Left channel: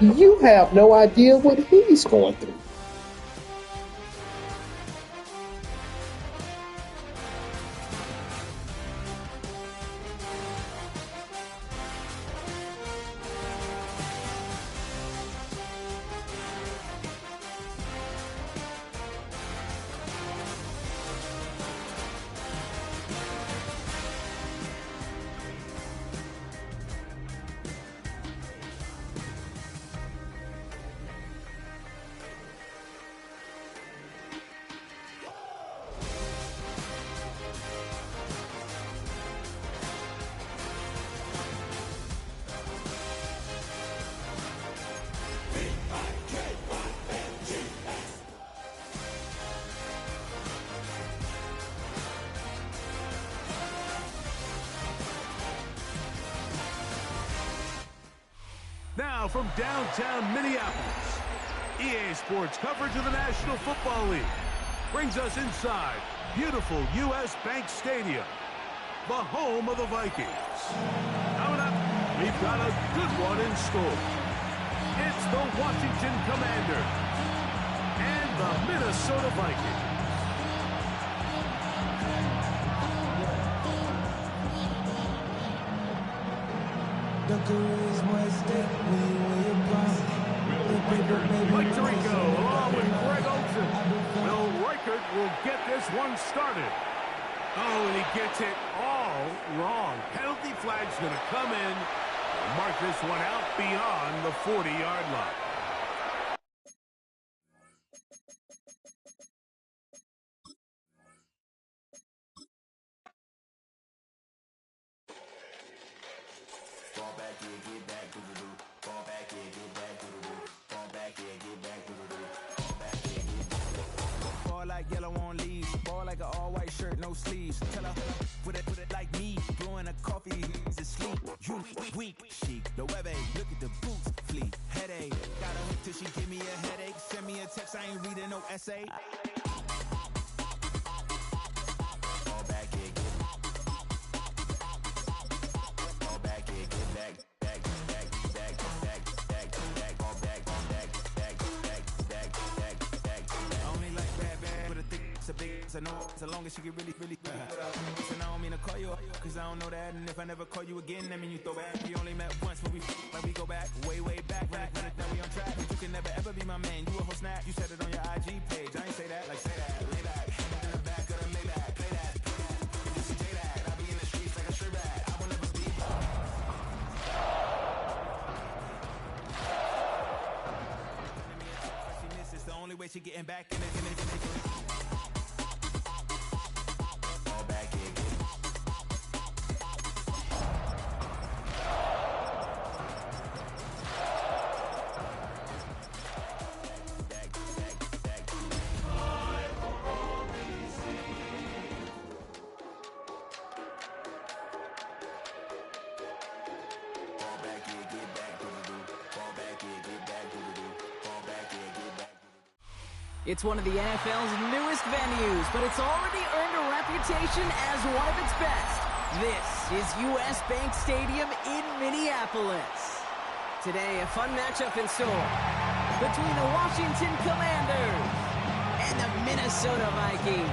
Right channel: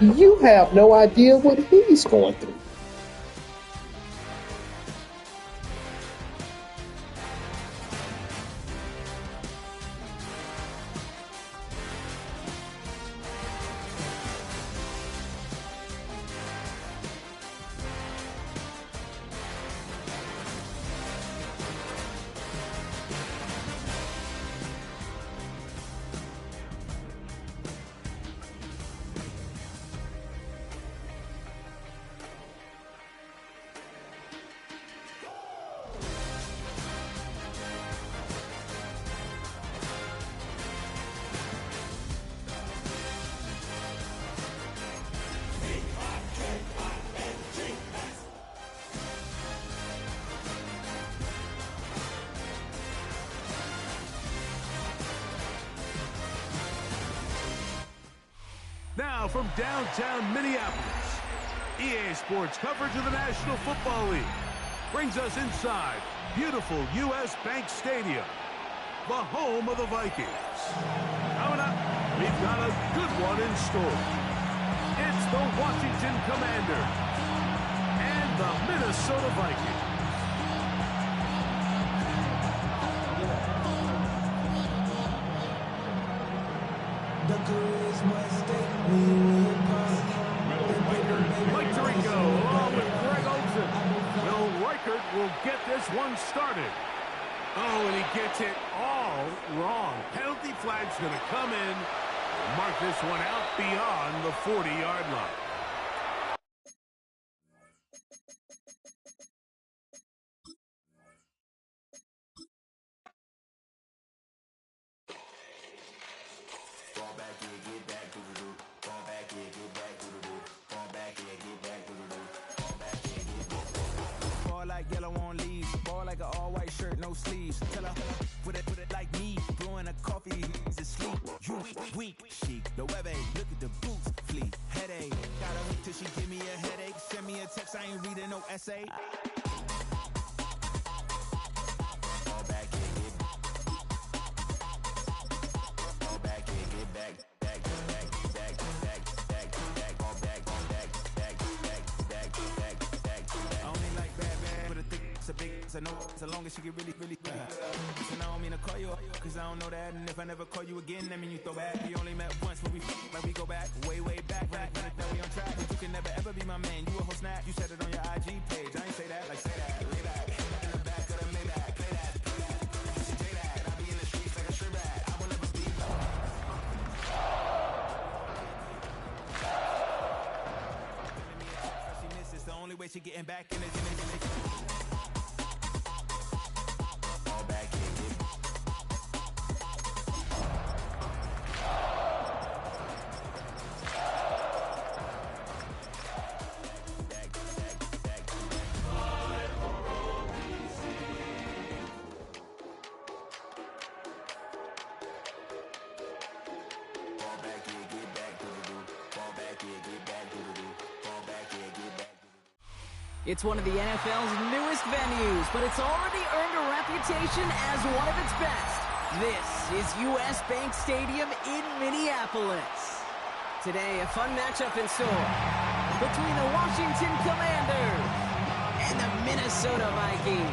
You have no idea what he's going through. Now from downtown Minneapolis, EA Sports coverage of the National Football League brings us inside beautiful U.S. Bank Stadium, the home of the Vikings. Coming up, we've got a good one in store. It's the Washington Commanders and the Minnesota Vikings. The charisma at stake when you win your prime. Mike Tirico along with Greg Olsen. Will Reichert will get this one started. Oh, and he gets it all wrong. Penalty flag's going to come in and mark this one out beyond the 40-yard line. Fall back here, get back, do-do-do. Fall back here, get back, do-do-do. Fall back here, get back, do-do-do. Fall back here, get back. Ball like yellow on leaves. Ball like an all-white shirt, no sleeves. Tell her, put it like me. Blowing a coffee, he's asleep. You weak, chic. The web look at the boots, fleet. Headache, got a hook till she give me a headache. Send me a text, I ain't reading no essay. Fall back here, get back. Fall back here, get back. I know as long as she get really Listen, I don't mean to call you cause I don't know that. And if I never call you again, that mean you throw back. We only met once, but we go back way back. Run it, now we on track. You can never ever be my man. You a whole snap. You said it on your IG page. I ain't say that, like say that. Lay back in the back of the Maybach. Play that. You see J that. I be in the streets like a straight rat. I will never speak. Sending me a text that she misses. The only way she getting back in it. It's one of the NFL's newest venues, but it's already earned a reputation as one of its best. This is U.S. Bank Stadium in Minneapolis. Today, a fun matchup in store between the Washington Commanders and the Minnesota Vikings.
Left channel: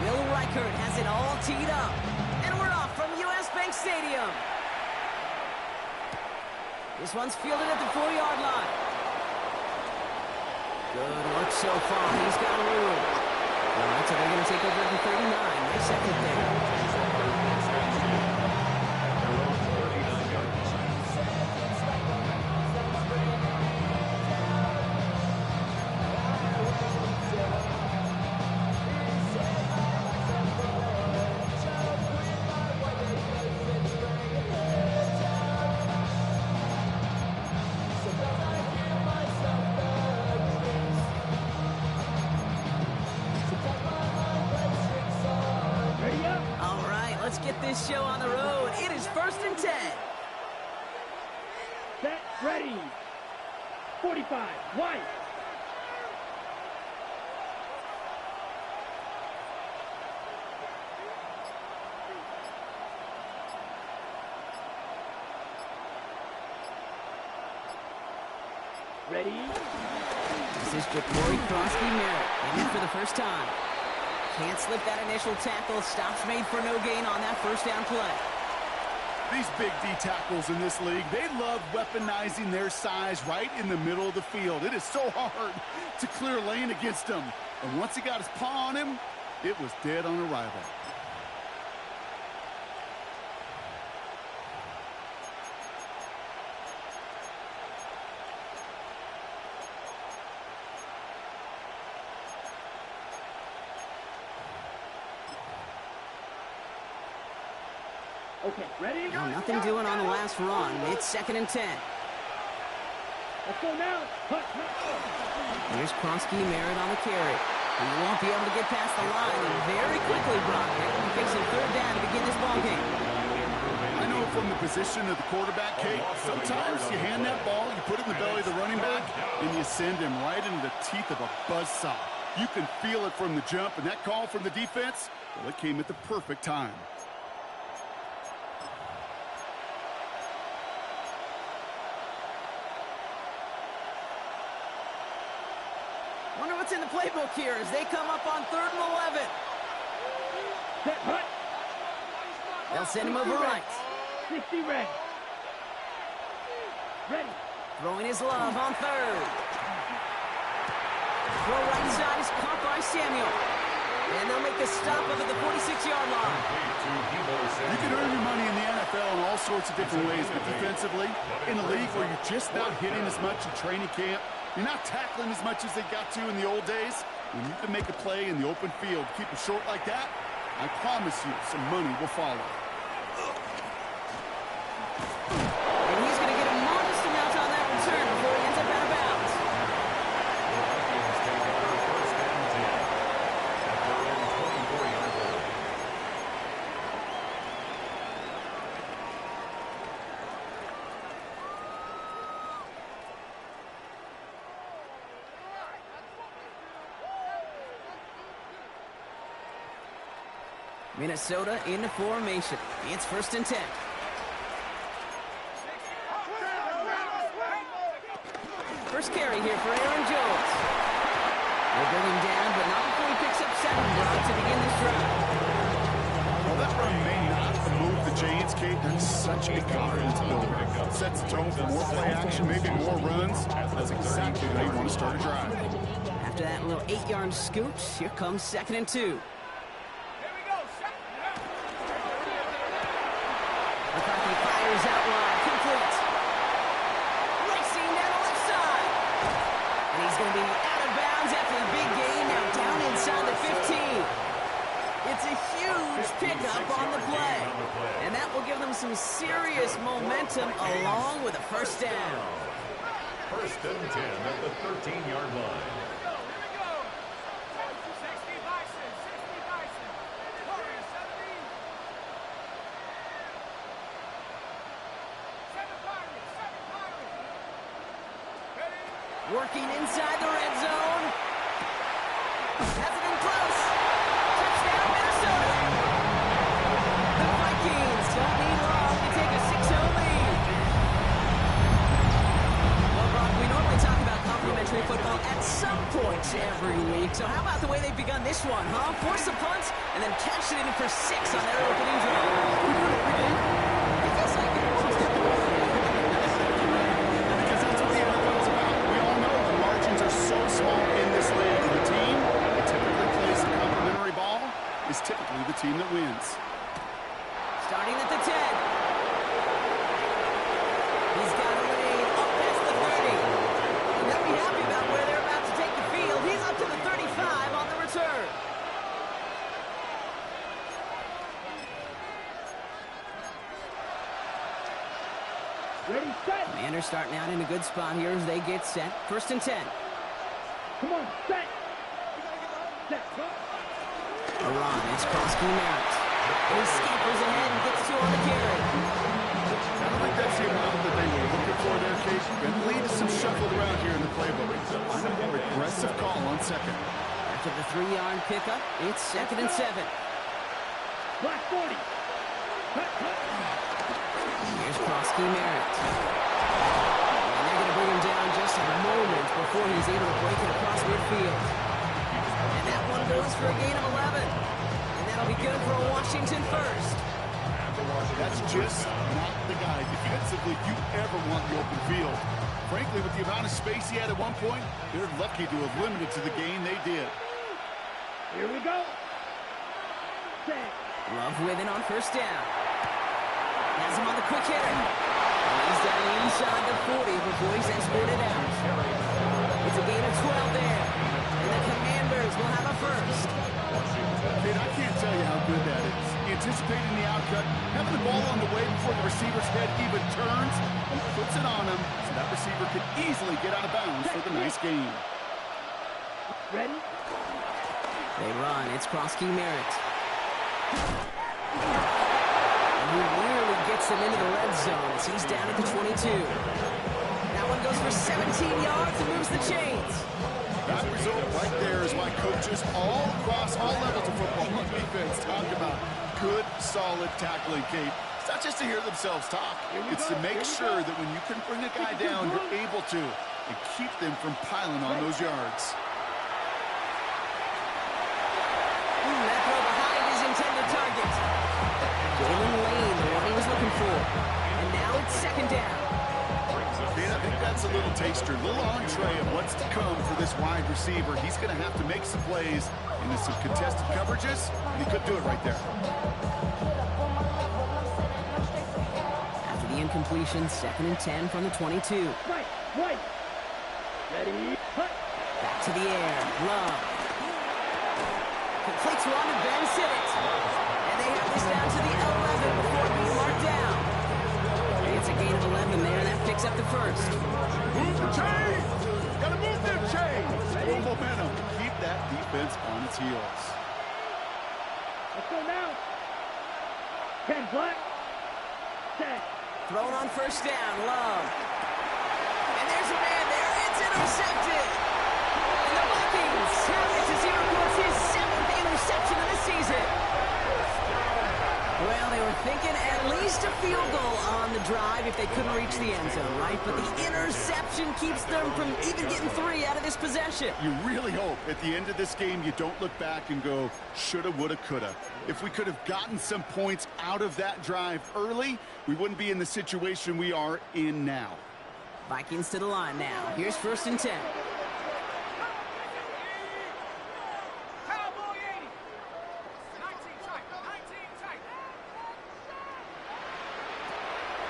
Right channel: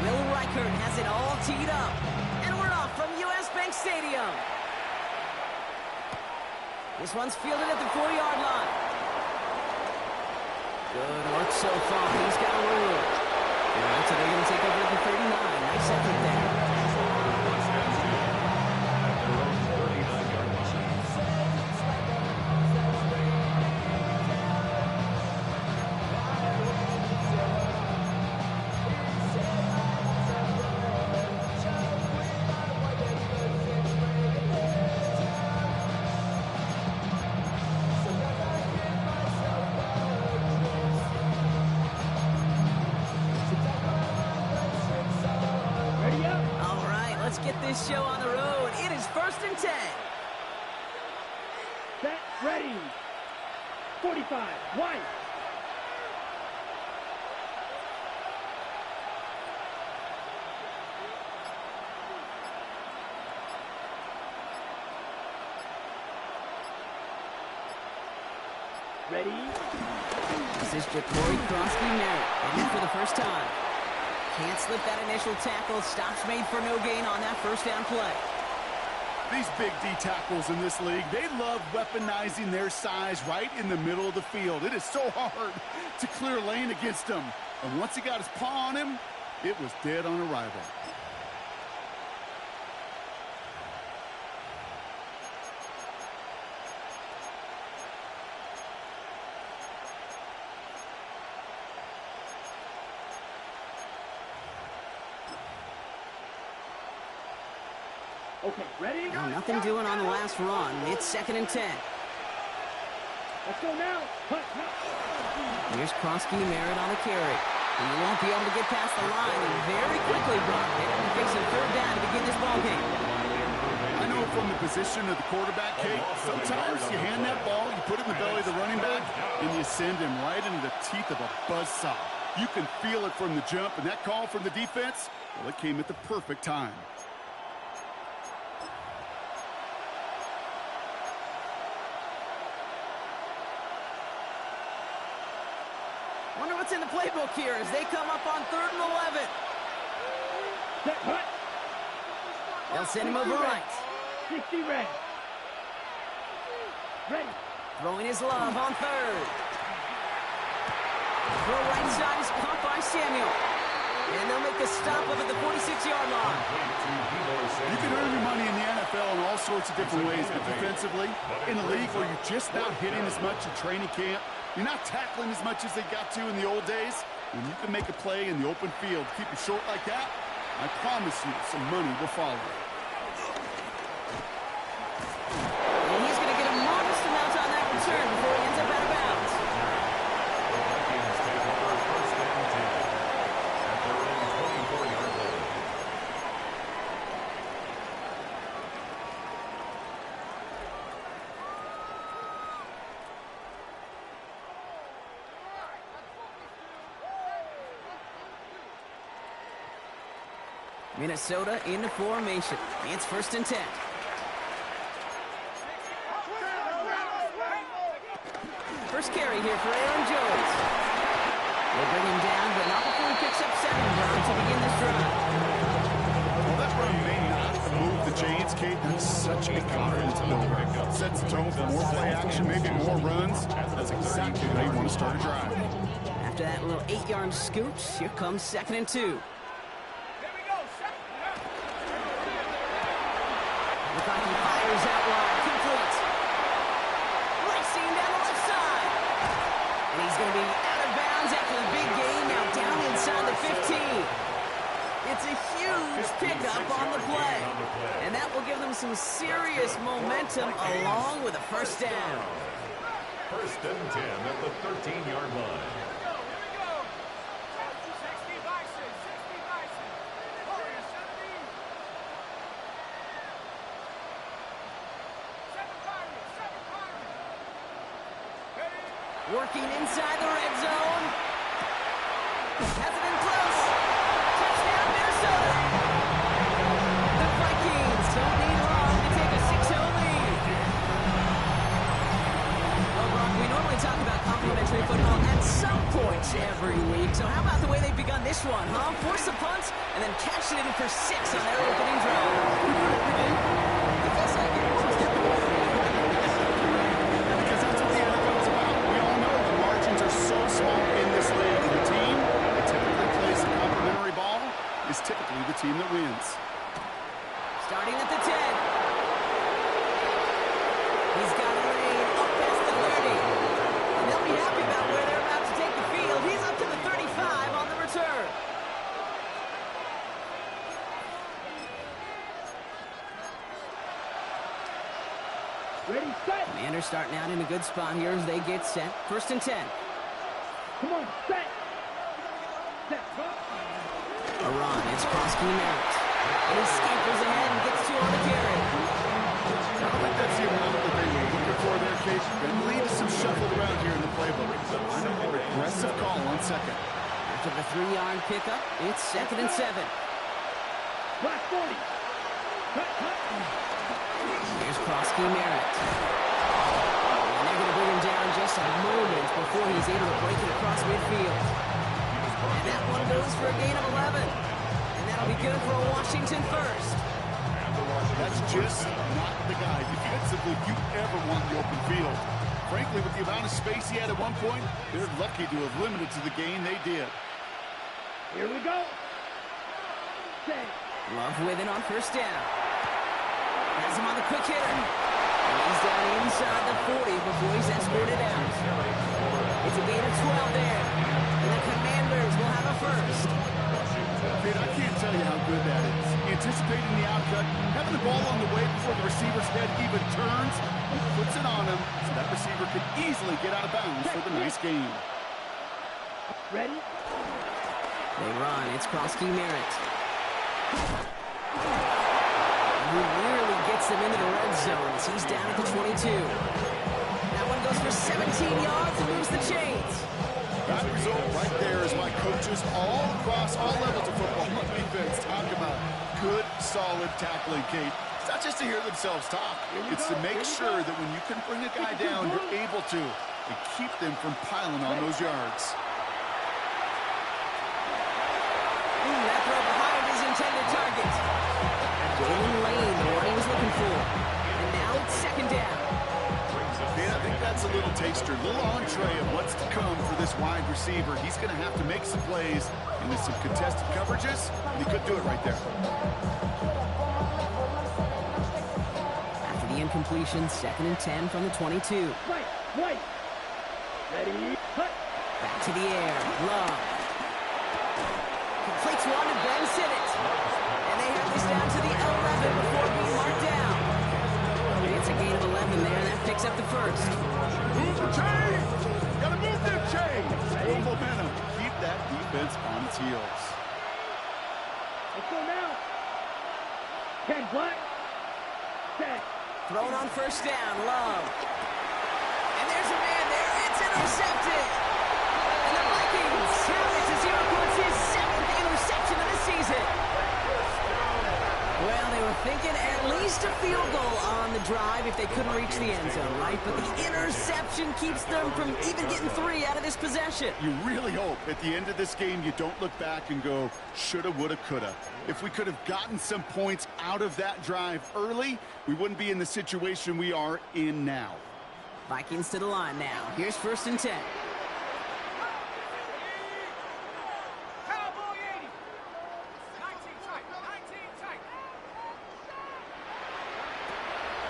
Will Reichert has it all teed up, and we're off from U.S. Bank Stadium. This one's fielded at the 4-yard line. Good work so far. He's got room. All right, so they're going to take over at the 39. Nice effort there. Let's get this show on the road. It is 1st and 10. Set, ready. 45, wide. Ready? This is Ja'Cory Krosky-Merritt getting it for the first time. Can't slip that initial tackle. Stops made for no gain on that first down play. These big D tackles in this league, they love weaponizing their size right in the middle of the field. It is so hard to clear lane against them. And once he got his paw on him, it was dead on arrival. Okay, ready? Well, nothing doing on the last run. It's 2nd and 10. Let's go now. Hut, hut. Here's Krosky-Merritt on the carry. He won't be able to get past the line, and very quickly, Brock, they're going to be facing 3rd down to begin this ball game. I know from the position of the quarterback, Kate, sometimes you hand that ball, you put it in the belly of the running back, and you send him right into the teeth of a buzzsaw. You can feel it from the jump, and that call from the defense, well, it came at the perfect time. Wonder what's in the playbook here as they come up on 3rd and 11. Set, hut. They'll send him over right. 60 red. Ready. Throwing his love on 3rd. Throw right side is caught by Samuel. And they'll make the stop up at the 46-yard line. You can earn your money in the NFL in all sorts of different ways, but defensively, in a league where you're just not hitting as much in training camp, you're not tackling as much as they got to in the old days, when you can make a play in the open field, keep it short like that, I promise you some money will follow. And he's going to get a modest amount on that return before he ends up out of bounds. The Vikings take over 1st and 10 at their own 24-yard line. Minnesota into formation. It's 1st and 10. First carry here for Aaron Jones. They bring him down, but not before he picks up 7 Brown to begin this drive. Well, that run may not have moved the chains, Kate. That's such a confidence builder. Sets the tone for more play action, maybe more runs. That's exactly how you want to start a drive. After that little 8-yard scooch, here comes 2nd and 2. McCarthy fires out wide, complete. Racing down the left side. And he's going to be out of bounds after the big gain, now down inside the 15. It's a huge pickup on the play. And that will give them some serious momentum along with a 1st down. 1st and 10 at the 13-yard line. Working inside the red zone. Has it in close. Touchdown, Minnesota. The Vikings don't need long to take a 6-0 lead. Well, Brock, we normally talk about complimentary football at some point every week. So how about the way they've begun this one, huh? Force the punt and then cash it in for 6 on their opening drive. We do it every day. I guess I get it. So small in this league. The team that typically plays the complimentary ball is typically the team that wins. Starting at the 10. He's got a lane up past the 30. And they'll be happy about where they're about to take the field. He's up to the 35 on the return. Ready, set. Commanders starting out in a good spot here as they get set. 1st and 10. Come on, set. Set, drop. Iran, it's Krosky-Merritt. And he scampers ahead and gets 2 on the carry. I don't think that's the amount that they were looking for there, Case. Going to lead to some shuffled around here in the playbook. I'm a more aggressive call on 2nd. After the 3-yard pickup, it's 2nd and 7. Black 40. Cut. Here's Krosky-Merritt. And they're going to bring him down just a moment before he's able to break it across midfield. And that one goes for a gain of 11. And that'll be good for a Washington first. That's just not the guy defensively you ever want in the open field. Frankly, with the amount of space he had at one point, they're lucky to have limited to the gain they did. Here we go. Set. Love with it on first down. Has him on the quick hitter. And he's down inside the 40 before he's escorted out. It's a gain of 12 there. And the Commanders will have a first. Kid, I can't tell you how good that is. Anticipating the outcut, having the ball on the way before the receiver's head even turns, he puts it on him so that receiver could easily get out of bounds for the nice gain. Ready? They run. It's Krosky Merritt. And he nearly gets them into the red zone as he's down at the 22. That one goes for 17 yards and moves the chains. That result right there is why coaches all across all levels of football on defense talk about good, solid tackling, Kate. It's not just to hear themselves talk. It's to make sure that when you can bring a guy down, you're able to, and keep them from piling on those yards. That throw behind his intended target. Jalen Lane, the one he was looking for. And now it's second down. Man, I think that's a little taster, a little entree of what's to come for this wide receiver. He's going to have to make some plays into some contested coverages, and he could do it right there. After the incompletion, 2nd and 10 from the 22. Right. Ready? Cut. Back to the air. Love. Completes one to Ben Simmons. And they have this down to the 11 before being marked down. It's a gain of 11 there, and that picks up the first. Move the chains! Gotta move them chains! Full momentum. Keep that defense on its heels. Let's go now. 10 black. Set. Thrown on first down, Love. And there's a man there. It's intercepted. And the Vikings have it as he records his 7th interception of the season. Well, they were thinking at least a field goal on the drive if they couldn't reach the end zone, right? But the interception keeps them from even getting 3 out of this possession. You really hope at the end of this game you don't look back and go, shoulda, woulda, coulda. If we could have gotten some points out of that drive early, we wouldn't be in the situation we are in now. Vikings to the line now. Here's 1st and 10.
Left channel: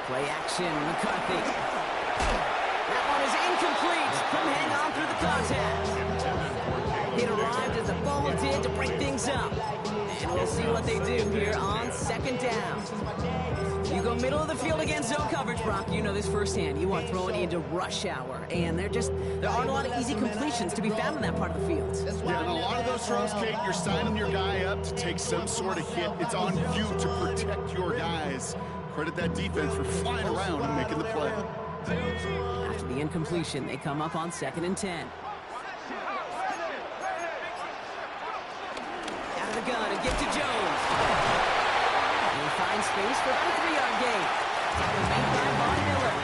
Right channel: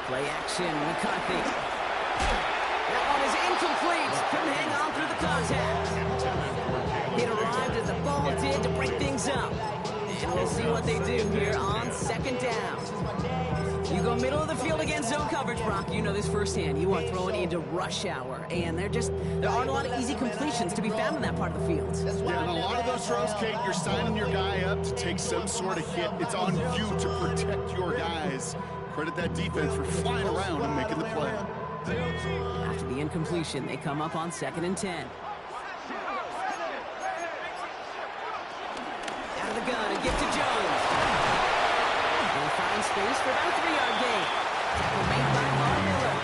Play action, McCarthy. That one is incomplete. Couldn't hang on through the contact. It arrived as the ball did to break things up. And we'll see what they do here on 2nd down. You go middle of the field against zone coverage, Brock. You know this firsthand. You are throwing into rush hour. And there aren't a lot of easy completions to be found in that part of the field. Yeah, and a lot of those throws, Kate, you're signing your guy up to take some sort of hit. It's on you to protect your guys. Credit that defense for flying around and making the play. After the incompletion, they come up on 2nd and 10. Out of the gun, a gift to Jones. And he finds space for about a 3-yard gain. Tackle made by Von Miller.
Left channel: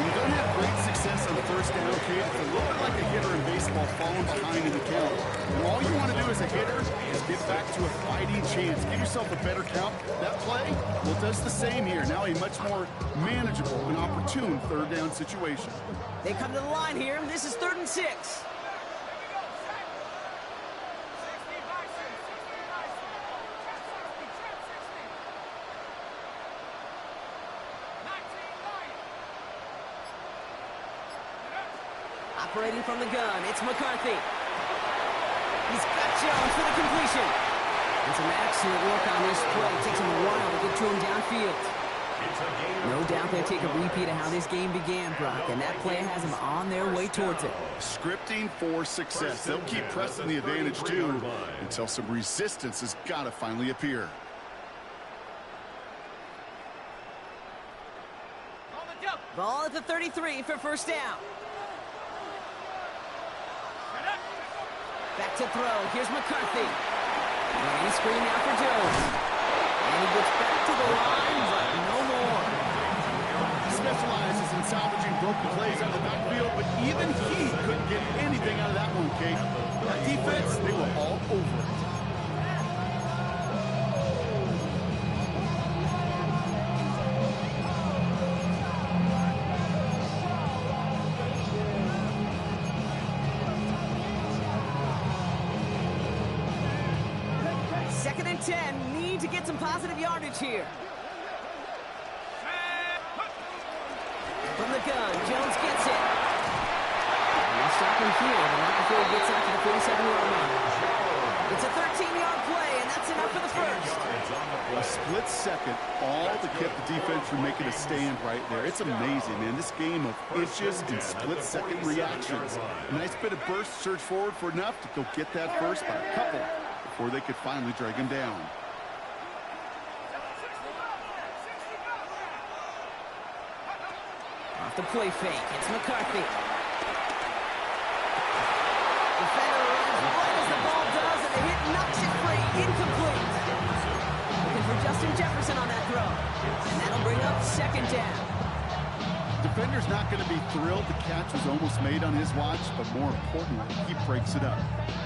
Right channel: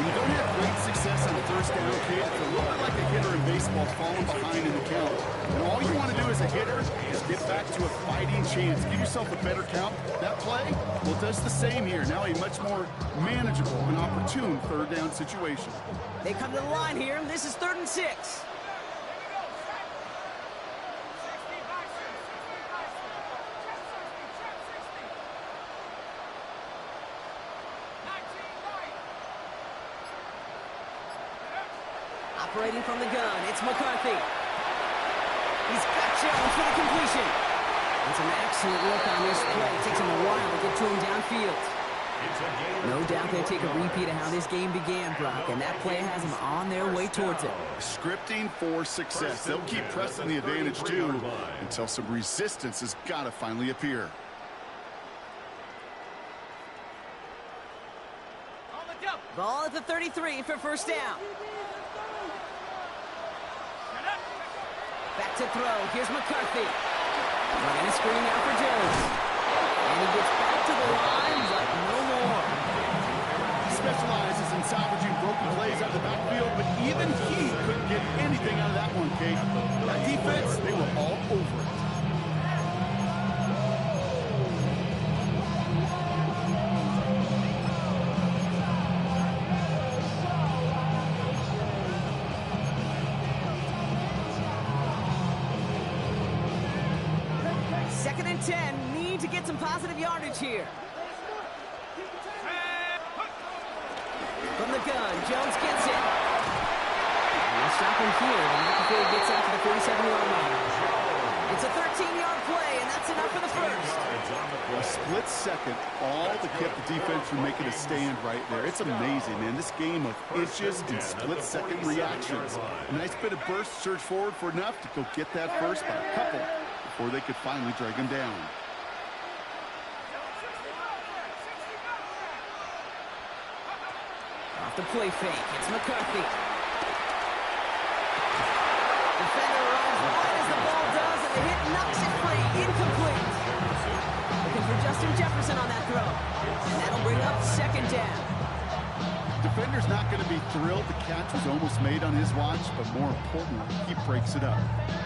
When you don't have great success on 1st down, Kate, it's a little bit like a hitter in baseball falling behind in the count. And all you want to do as a hitter is get back to a fighting chance. Give yourself a better count. That play, well, it does the same here. Now a much more manageable and opportune 3rd down situation. They come to the line here, and this is 3rd and 6. Operating from the gun, it's McCarthy. He's got Jones for the completion. And some excellent work on this play. It takes him a while to get to him downfield. No doubt they'll take a repeat of how this game began, Brock, and that play has them on their way towards it. Scripting for success. They'll keep pressing the advantage, too, until some resistance has got to finally appear. Ball at the 33 for 1st down. Back to throw. Here's McCarthy. Running a screen now for Jones. And he gets back to the line, but no more. He specializes in and salvaging broken plays out of the backfield, but even he couldn't get anything out of that one, Kate. That defense, they were all over it. Second and 10, need to get some positive yardage here. From the gun, Jones gets it. And they'll stop him here, but not before he gets out to the 47-yard line. It's a 13-yard play, and that's enough for the first. A split second, all that kept the defense from making a stand right there. It's amazing, man. This game of inches and split-second reactions. A nice bit of burst, surge forward for enough to go get that first by a couple before they could finally drag him down. Off the play fake, it's McCarthy. Defender runs right as the ball does, and the hit knocks it free. Incomplete. Looking for Justin Jefferson on that throw. And that'll bring up second down. Defender's not going to be thrilled the catch was almost made on his watch, but more importantly, he breaks it up.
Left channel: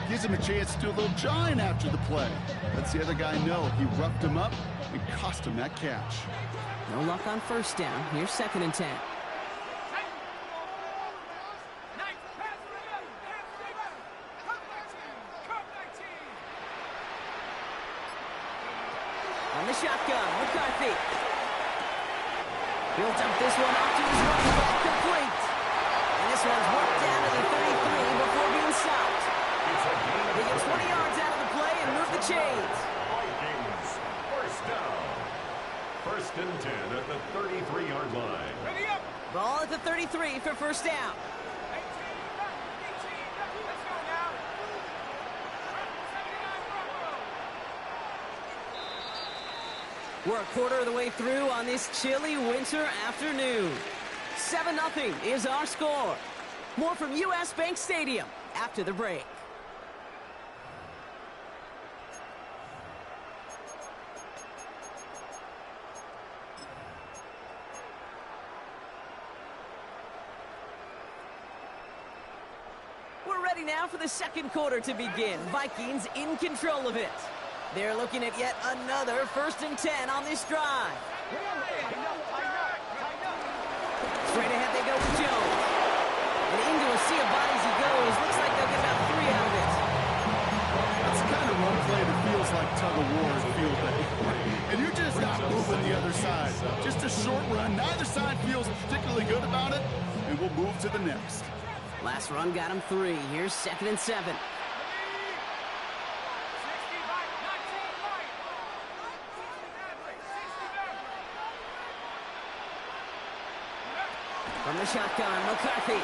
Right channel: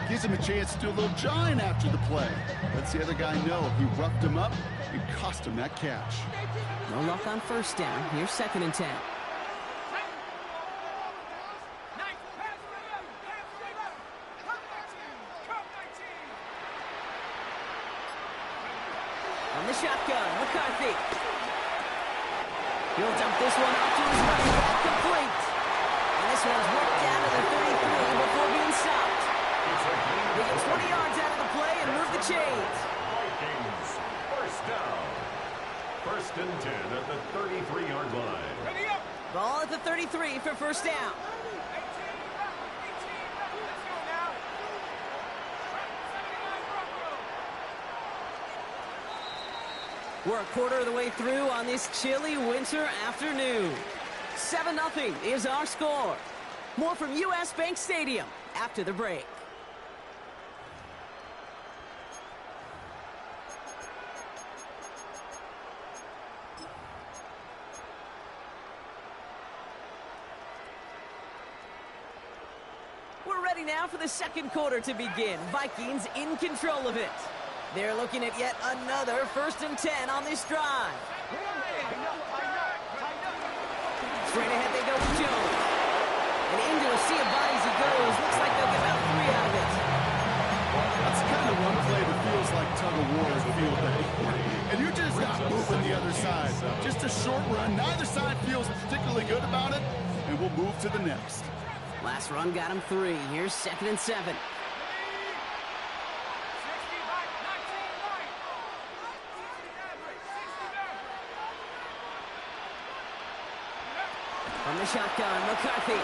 Gives him a chance to do a little jawing after the play. Lets the other guy know he roughed him up and cost him that catch. No luck on first down. Here's second and 10. On the shotgun, McCarthy. He'll dump this one off to his running back, complete. And this one's worked down to the 33 before being stopped. They get 20 yards out of the play and move the chains. Vikings, first down. First and 10 at the 33-yard line. Ball at the 33 for first down. We're a quarter of the way through on this chilly winter afternoon. 7-0 is our score. More from US Bank Stadium after the break. We're ready now for the second quarter to begin. Vikings in control of it. They're looking at yet another first and 10 on this drive. Straight ahead they go with Jones. And into a sea of bodies he goes. Looks like they'll get about 3 out of it. That's the kind of run play that feels like tug-of-war in field day. And you're just not moving the other side. Just a short run. Neither side feels particularly good about it. And we'll move to the next. Last run got him 3. Here's second and 7. From the shotgun, McCarthy.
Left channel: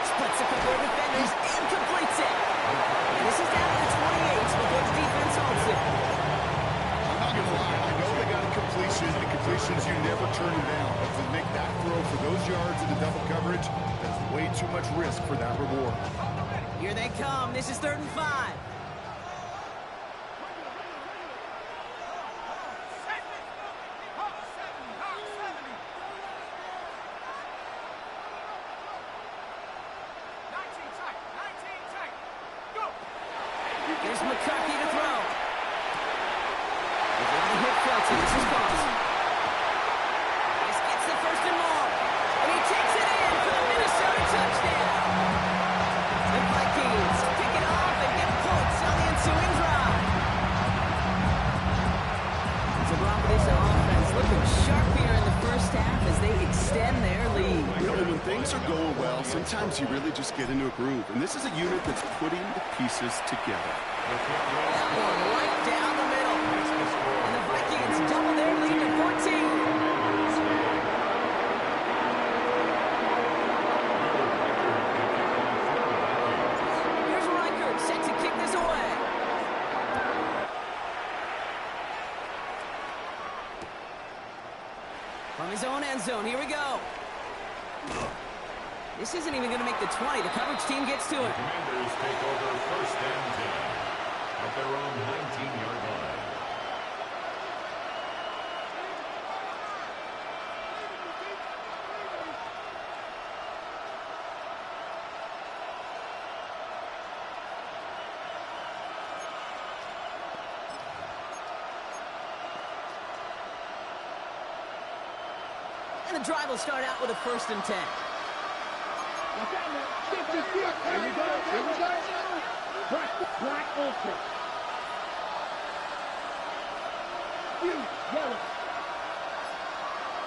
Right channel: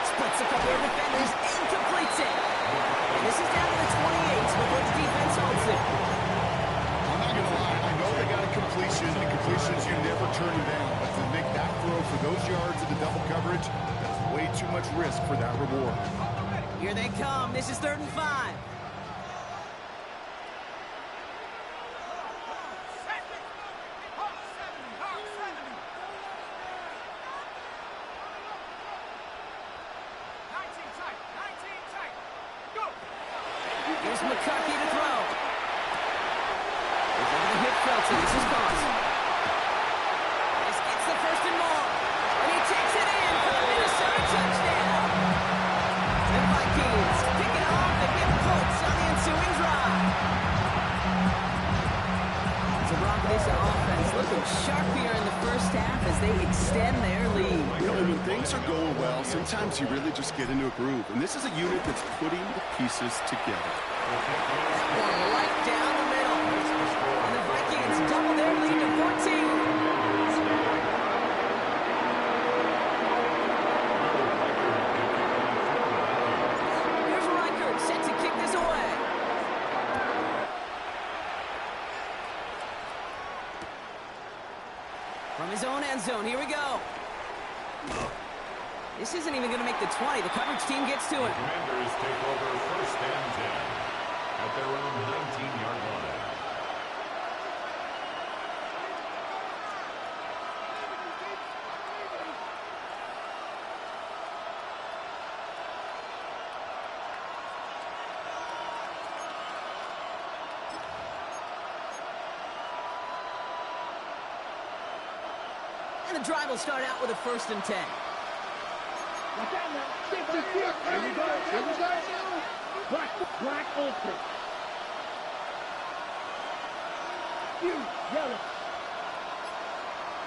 Splits a couple of defenders and completes it. And this is down to the 28 before the defense holds it. I'm not going to lie. I know they got a completion, and completions, you never turn them down. But to make that throw for those yards in the double coverage, that's way too much risk for that reward. Here they come. This is 3rd and 5. Here's McCarthy to throw. He's able to hit Felton. This is Cause. This gets the first and more. And he takes it in for the Minnesota touchdown. The Vikings pick it off and get points on the ensuing drive. So Brock, this offense looking sharp here in the first half as they extend their lead. You know, when things are going well, sometimes you really just get into a groove. And this is a unit that's putting the pieces together. That one right down the middle. And the Vikings double their lead to 14. Here's Reichert set to kick this away. From his own end zone, here we go. This isn't even going to make the 20. The coverage team gets to it. The Commanders take over first and 10 at their own 19-yard line. And the drive will start out with a 1st and 10. Watch out now. Here we go. Here we go. Black Olsen. Fury, yellow.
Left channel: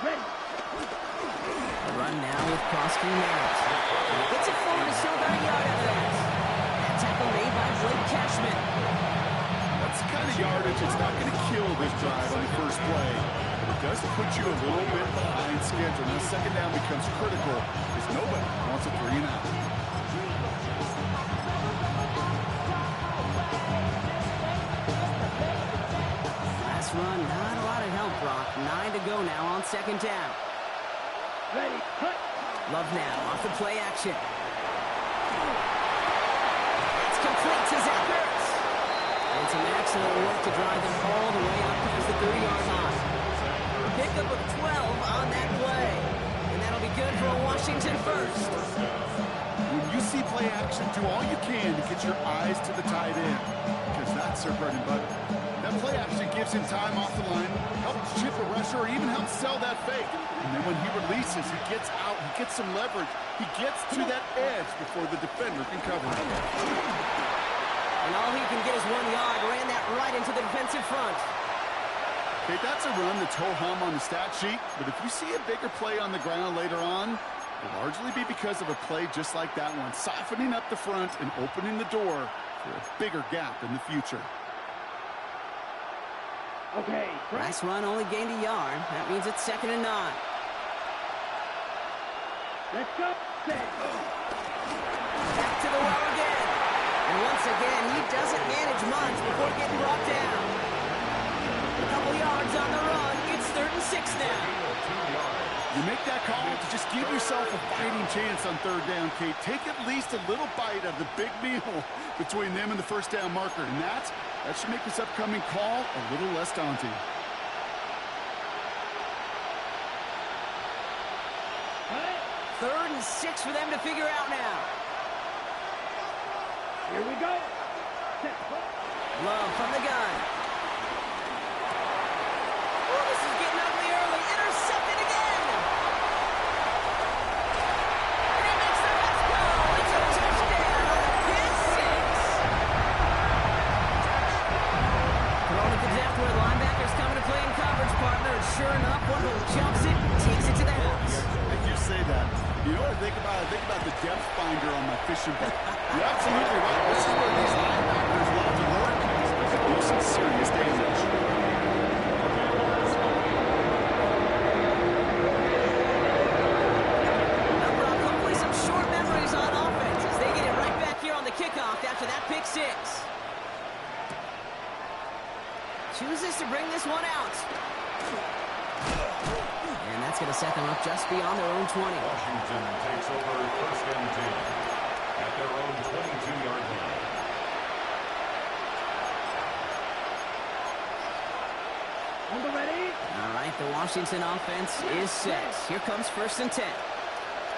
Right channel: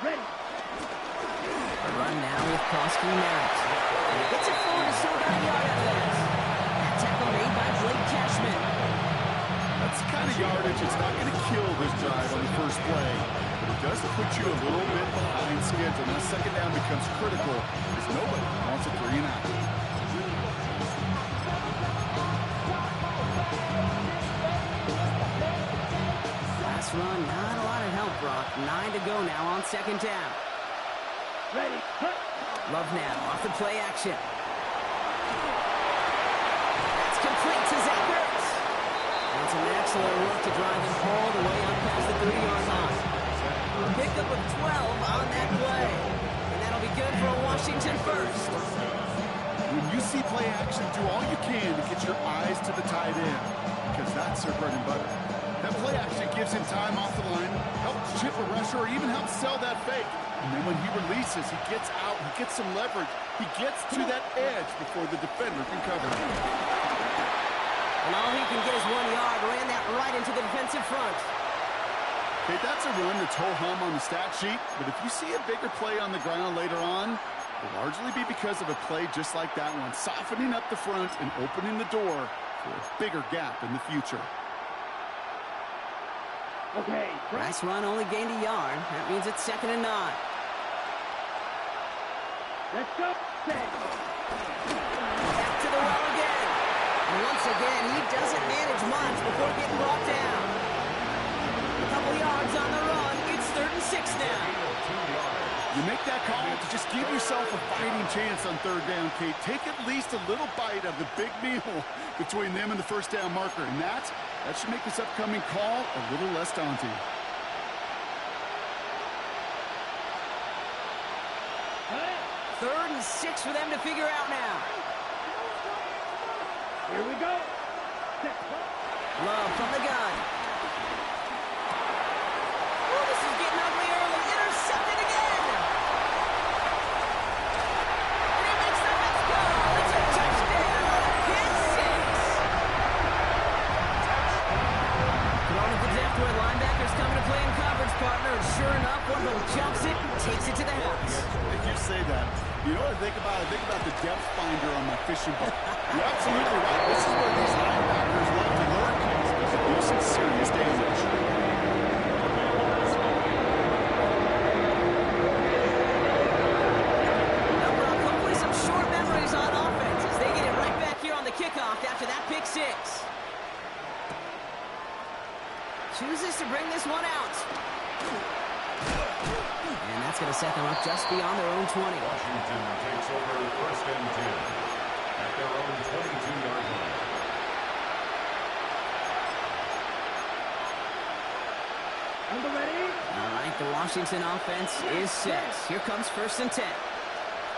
Ready. A run now with Krosky Merritt. And he gets it forward, still about a yard out of that. That tackle made by Blake Cashman. That's the kind of yardage it's not going to kill this drive on the first play, but it does put you a little bit behind schedule. Now 2nd down becomes critical because nobody wants a 3 and out. Last run, not a lot of help, Brock. 9 to go now on 2nd down. Ready. Cut. Love now, off the play action. That's complete to Zach Ertz. And some excellent work to drive them all the way out past the 30-yard line. Pickup of 12 on that play. And that'll be good for a Washington first. When you see play action, do all you can to get your eyes to the tight end, because that's their bread and butter. That play action gives him time off the line, helps chip a rusher, or even helps sell that fake. And then when he releases, he gets out, he gets some leverage. He gets to that edge before the defender can cover him. And all he can get is 1 yard. Ran that right into the defensive front. Okay, that's a run that's ho-hum on the stat sheet, but if you see a bigger play on the ground later on, it'll largely be because of a play just like that one, softening up the front and opening the door for a bigger gap in the future. Okay. Last run only gained a yard. That means it's 2nd and 9. Let's go. Set. Back to the well again. And once again, he doesn't manage much before getting brought down. A couple yards on the run. It's 3rd and 6 now. You make that call to just give yourself a fighting chance on 3rd down, Kate. Take at least a little bite of the big meal between them and the 1st down marker. And that should make this upcoming call a little less daunting. Cut. 3rd and 6 for them to figure out now. Here we go. Set. Love from the gun. Oh, this is getting ugly early. Intercepted again. And he makes the let's go. It's a touchdown on a pick 6. Thrown at the depth where linebackers coming to play in coverage, partner. And sure enough, one of them jumps it, takes it to the house. If you say that, you know what I think about? I think about the depth finder on my fishing boat. You're absolutely right. This is where these linebackers love to lurk. They can do some serious damage. Now, Brock, hopefully some short memories on offense as they get it right back here on the kickoff after that pick 6. Chooses to bring this one out. And that's going to set them up just beyond their own 20. Washington takes over 1st and 10 at their own 22-yard line. On the ready. All right, the Washington offense is set. Here comes 1st and 10.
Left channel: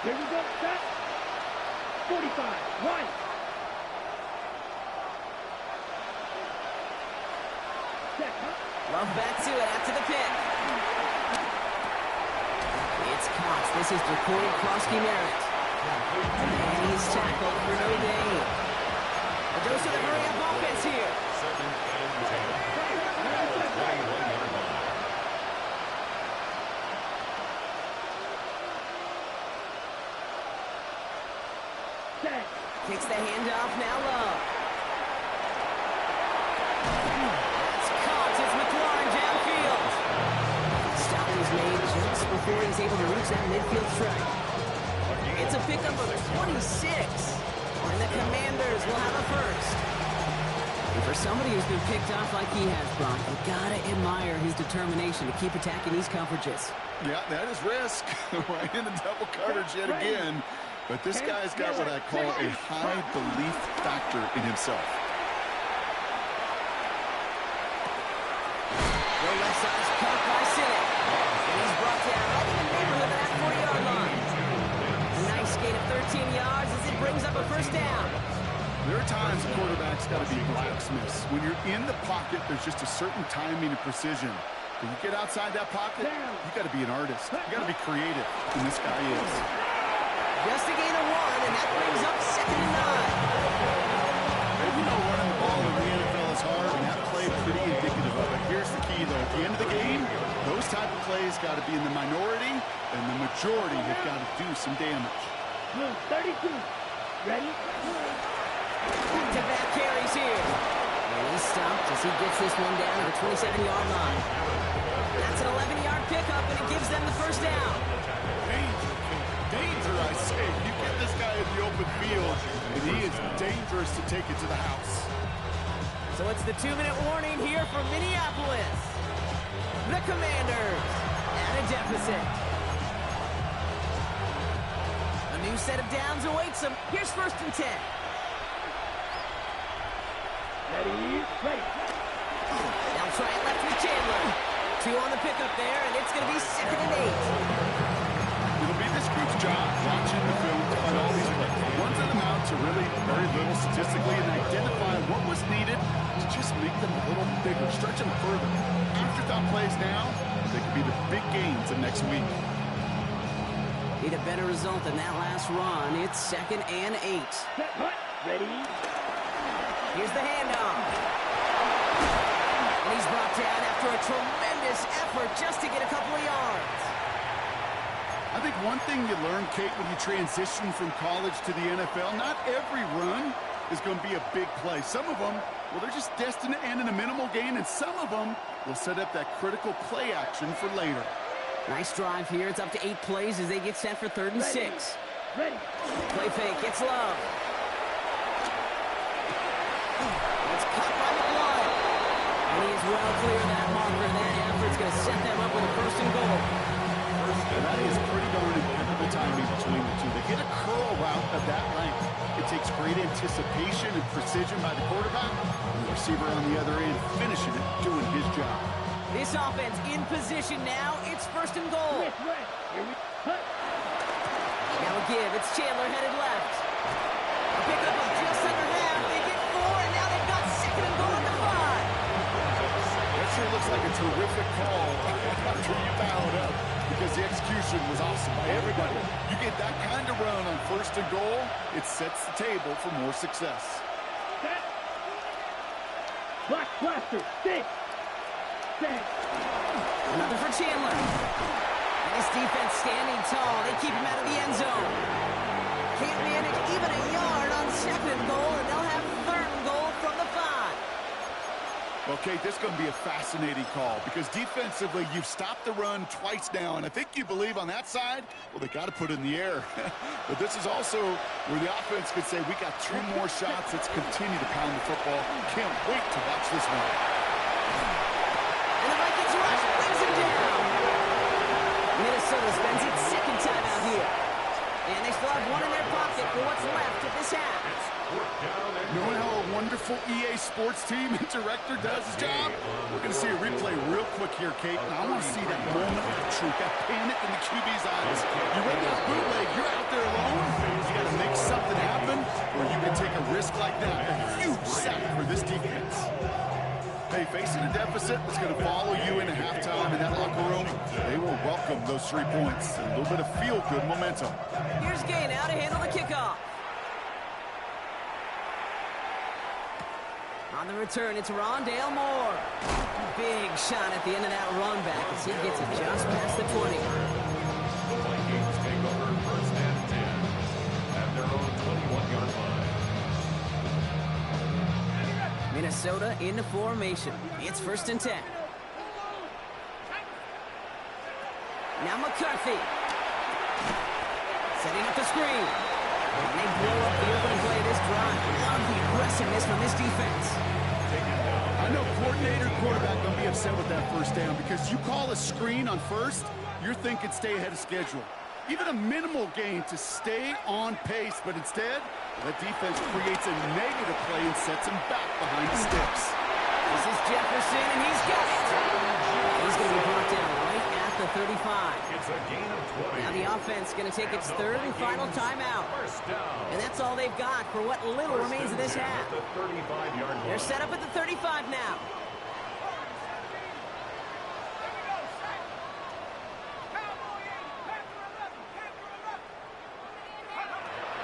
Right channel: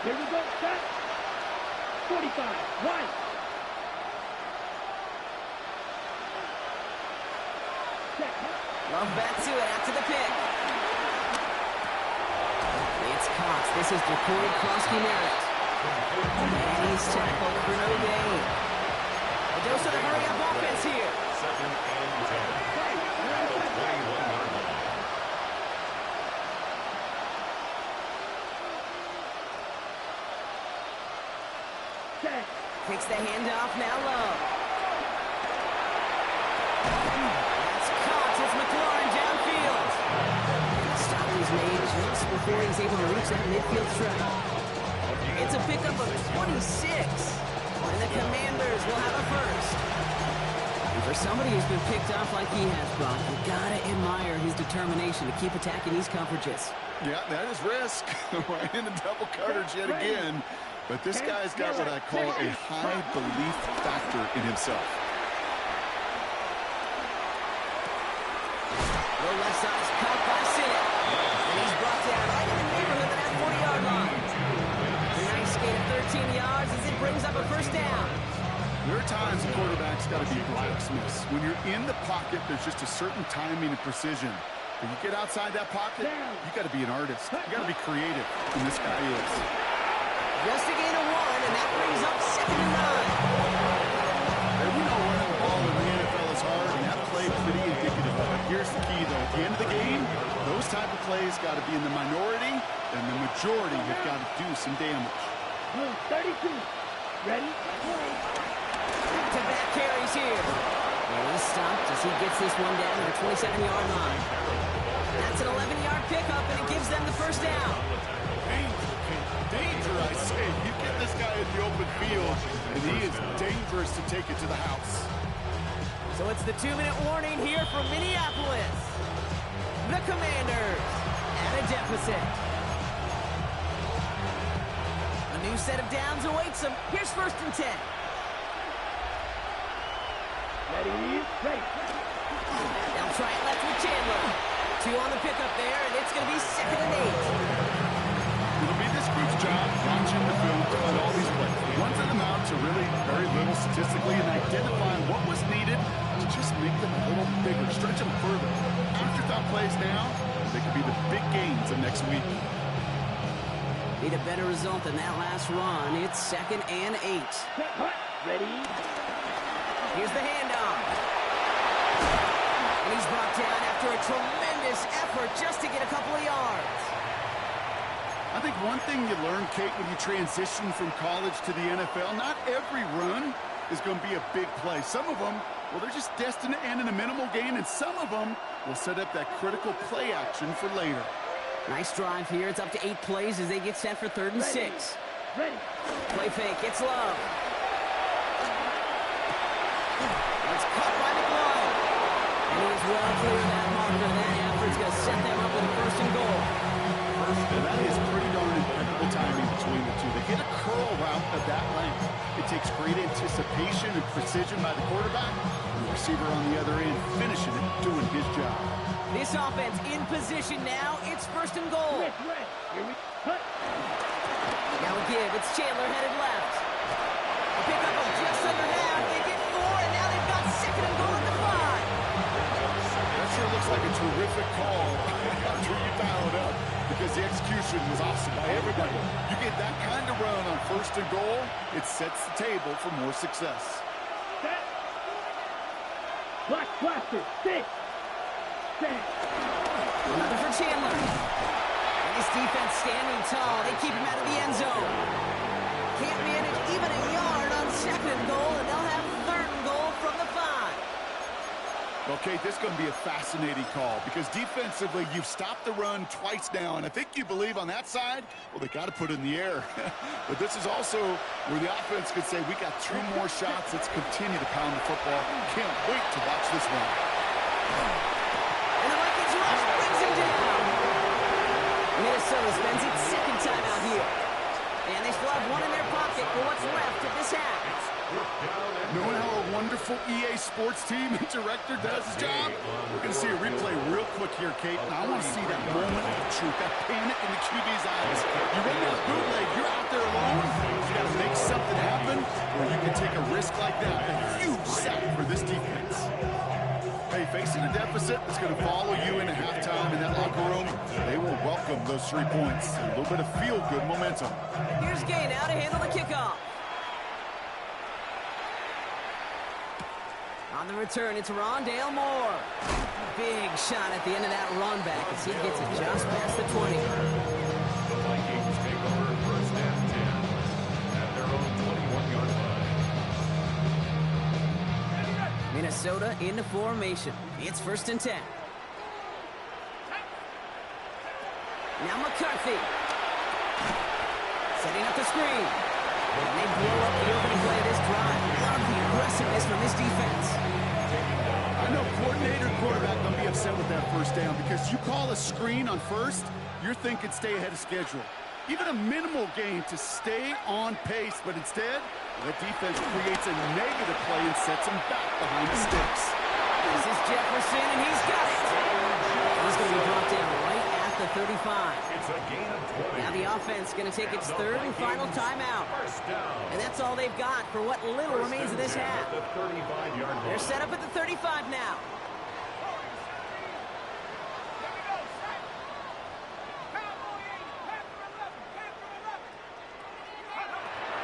Here we go. Set. 45. White. Set. Love back to it after the pick. It's caught. This is Jacory Krosky Merritt. And he's tackled for no gain. A dose of the hurry-up offense here. 2nd and 10 at the 21-yard line. Set. Kicks the handoff, now Love. That's caught. It's McLaurin downfield. Stop is made just before he's able to reach that midfield strike. It's a pickup of 26. And the Commanders will have a first. And for somebody who's been picked off like he has, Brock, you gotta admire his determination to keep attacking these coverages. Yeah, that is risk. Right in the double coverage yet again. But this guy's got what I call a high belief factor in himself. The left side's caught by Sinnott. And he's brought down right in the neighborhood of that 40-yard line. A nice gain of 13 yards as it brings up a 1st down. There are times quarterbacks got to be blacksmiths. When you're in the pocket, there's just a certain timing and precision. But you get outside that pocket, you got to be an artist. You got to be creative, and this guy is. Just a gain of 1, and that brings up 2nd and 9. We know running the ball in the NFL is hard, and that play pretty indicative of it. Here's the key, though. At the end of the game, those type of plays got to be in the minority, and the majority have got to do some damage. Blue 32. Ready? Back-to-back carries here. And he's stopped as he gets this one down to the 27-yard line. That's an 11-yard pickup, and it gives them the first down. Danger, King. Danger, I say. You get this guy in the open field, and he is dangerous to take it to the house. So it's the 2-minute warning here for Minneapolis. The Commanders at a deficit. A new set of downs awaits them. Here's 1st and 10. Ready? Ready. They'll try it left with Chandler. 2 on the pickup there, and it's going to be 2nd and 8. It'll be this group's job watching the film to find all these plays. The ones that amount to really very little statistically and identify what was needed to just make them a little bigger, stretch them further. Afterthought plays now, they could be the big gains of next week. Need a better result than that last run. It's 2nd and 8. Set, hut. Ready? Here's the handoff. And he's brought down after a tremendous effort just to get a couple of yards. I think one thing you learn, Kate, when you transition from college to the NFL, not every run is going to be a big play. Some of them, well, they're just destined to end in a minimal gain, and some of them will set up that critical play action for later. Nice drive here. It's up to 8 plays as they get set for 3rd and 6. Ready. Play fake. It's Love. It's caught by McLaurin. And he is well clear of that marker. That effort's going to set them up with a 1st and goal. And that is pretty darn impeccable timing between the two. They hit a curl route of that length. It takes great anticipation and precision by the quarterback, and the receiver on the other end finishing it, doing his job. This offense in position now. It's 1st and goal. Red. Here we hut. Now a give. It's Chandler headed left. A pickup of just under half. They get 4, and now they've got 2nd and goal at the 5. That sure looks like a terrific call after you foul it up, because the execution was awesome by everybody. You get that kind of run on 1st and goal, it sets the table for more success. Set. Black blaster. 6. 7. Another for Chandler. And this defense standing tall. They keep him out of the end zone. Can't manage even a yard on 2nd and goal, and they'll have 3rd and goal from the 5. Well, Kate, this is going to be a fascinating call, because defensively, you've stopped the run twice now, and I think you believe on that side, well, they got to put it in the air. But this is also where the offense could say, we got 2 more shots. Let's continue to pound the football. Can't wait to watch this one. And the Vikings rush brings him down. Minnesota spends its 2nd time out here. And they still have 1 in their pocket for what's left of this half. Knowing how a wonderful EA Sports team and director does his job, we're going to see a replay real quick here, Kate, and I want to see that moment of truth, that panic in the QB's eyes. You run that bootleg, you're out there alone, you got to make something happen, or you can take a risk like that. A huge sack for this defense. Hey, facing a deficit that's going to follow you into halftime in that locker room, they will welcome those 3 points. A little bit of feel-good momentum. Here's Gay now to handle the kickoff. On the return, it's Rondale Moore. Big shot at the end of that run back as he gets it just past the 20. The Vikings take over 1st and 10 at their own 21-yard line. Minnesota into formation. It's 1st and 10. Now McCarthy. Setting up the screen. And they blow up the opening play of this drive. Love the aggressiveness from this defense. I know coordinator and quarterback going to be upset with that 1st down, because you call a screen on 1st, you're thinking stay ahead of schedule. Even a minimal gain to stay on pace, but instead, the defense creates a negative play and sets him back behind the sticks. This is Jefferson, and he's got it. He's going to be brought down right at the 35. It's a gain of 20. Now the offense going to take its 3rd and final timeout. 1st down. And that's all they've got for what little remains of this half. The 35-yard line. They're set up at the 35 now.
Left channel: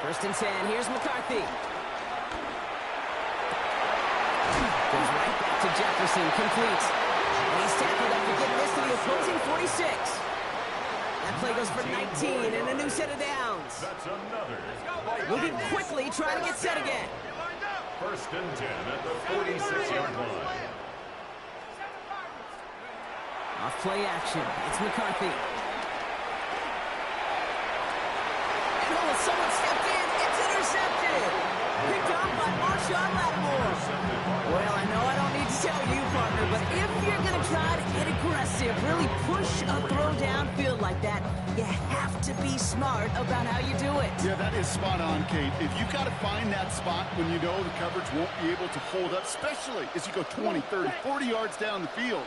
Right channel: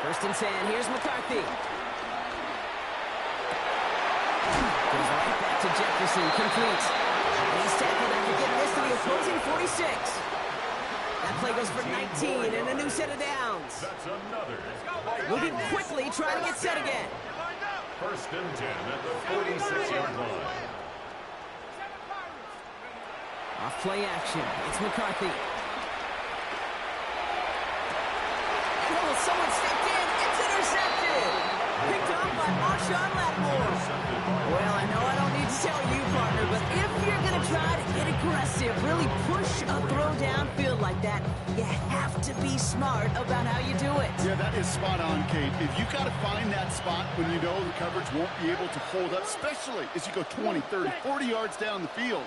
First and 10. Here's McCarthy. Goes right back to Jefferson. Complete. And he's tackled after getting this to the opposing 46. That play goes for 19 and a new set of downs. That's another. Moving quickly, trying to get set again. First and 10 at the 46-yard line. Off play action. It's McCarthy. And someone stepped in. It's intercepted. Picked up by Marshawn Lattimore. Well, I know I don't need to tell you, partner, but if you're going to try to get aggressive, really push a throw downfield like that, you have to be smart about how you do it. Yeah, that is spot on, Kate. If you've got to find that spot when you know the coverage won't be able to hold up, especially as you go 20, 30, 40 yards down the field.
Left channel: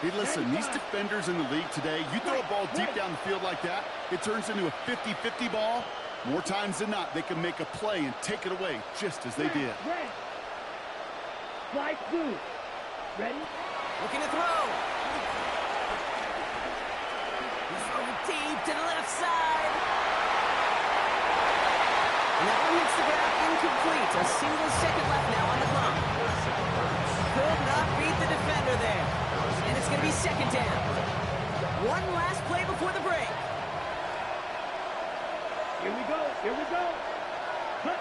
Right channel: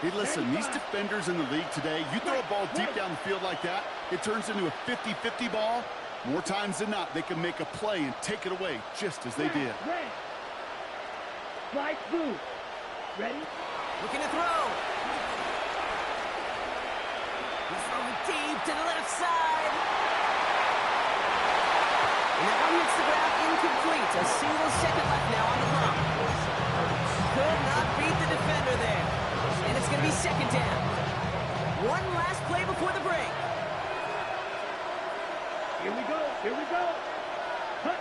Hey, listen, these defenders in the league today, you throw a ball deep down the field like that, it turns into a 50-50 ball. More times than not, they can make a play and take it away just as they did. Red. Flight blue. Ready? Looking to throw. He's throwing deep to the left side. And that one hits the ground incomplete. A single second left now on the clock. Could not beat the defender there. And it's going to be second down. One last play before the break. Here we go. Here we go. Cut.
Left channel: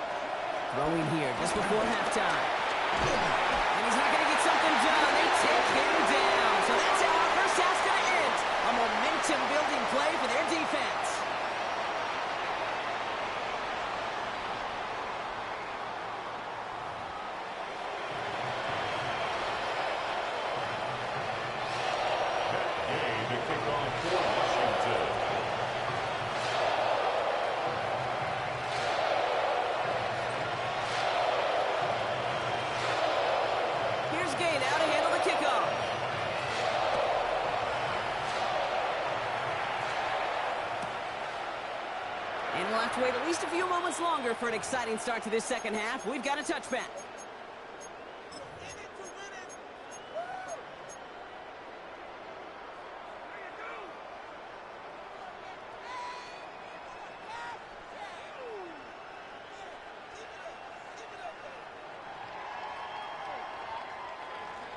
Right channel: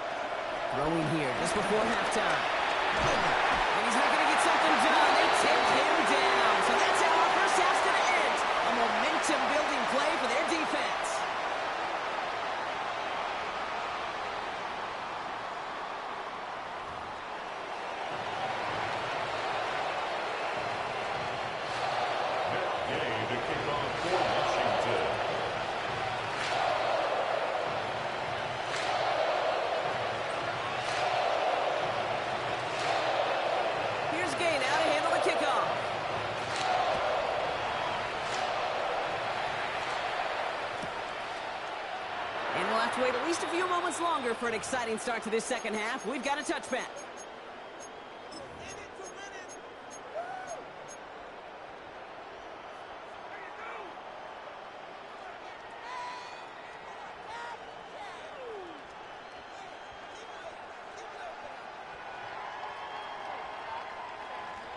Throwing here just before halftime. And he's not going to get something done. They take him down. So that's how our first half's going to end. A momentum-building play for their defense. Gay to kick off for Washington. Here's Gay now to handle the kickoff. And we'll have to wait at least a few moments longer for an exciting start to this second half. We've got a touchback.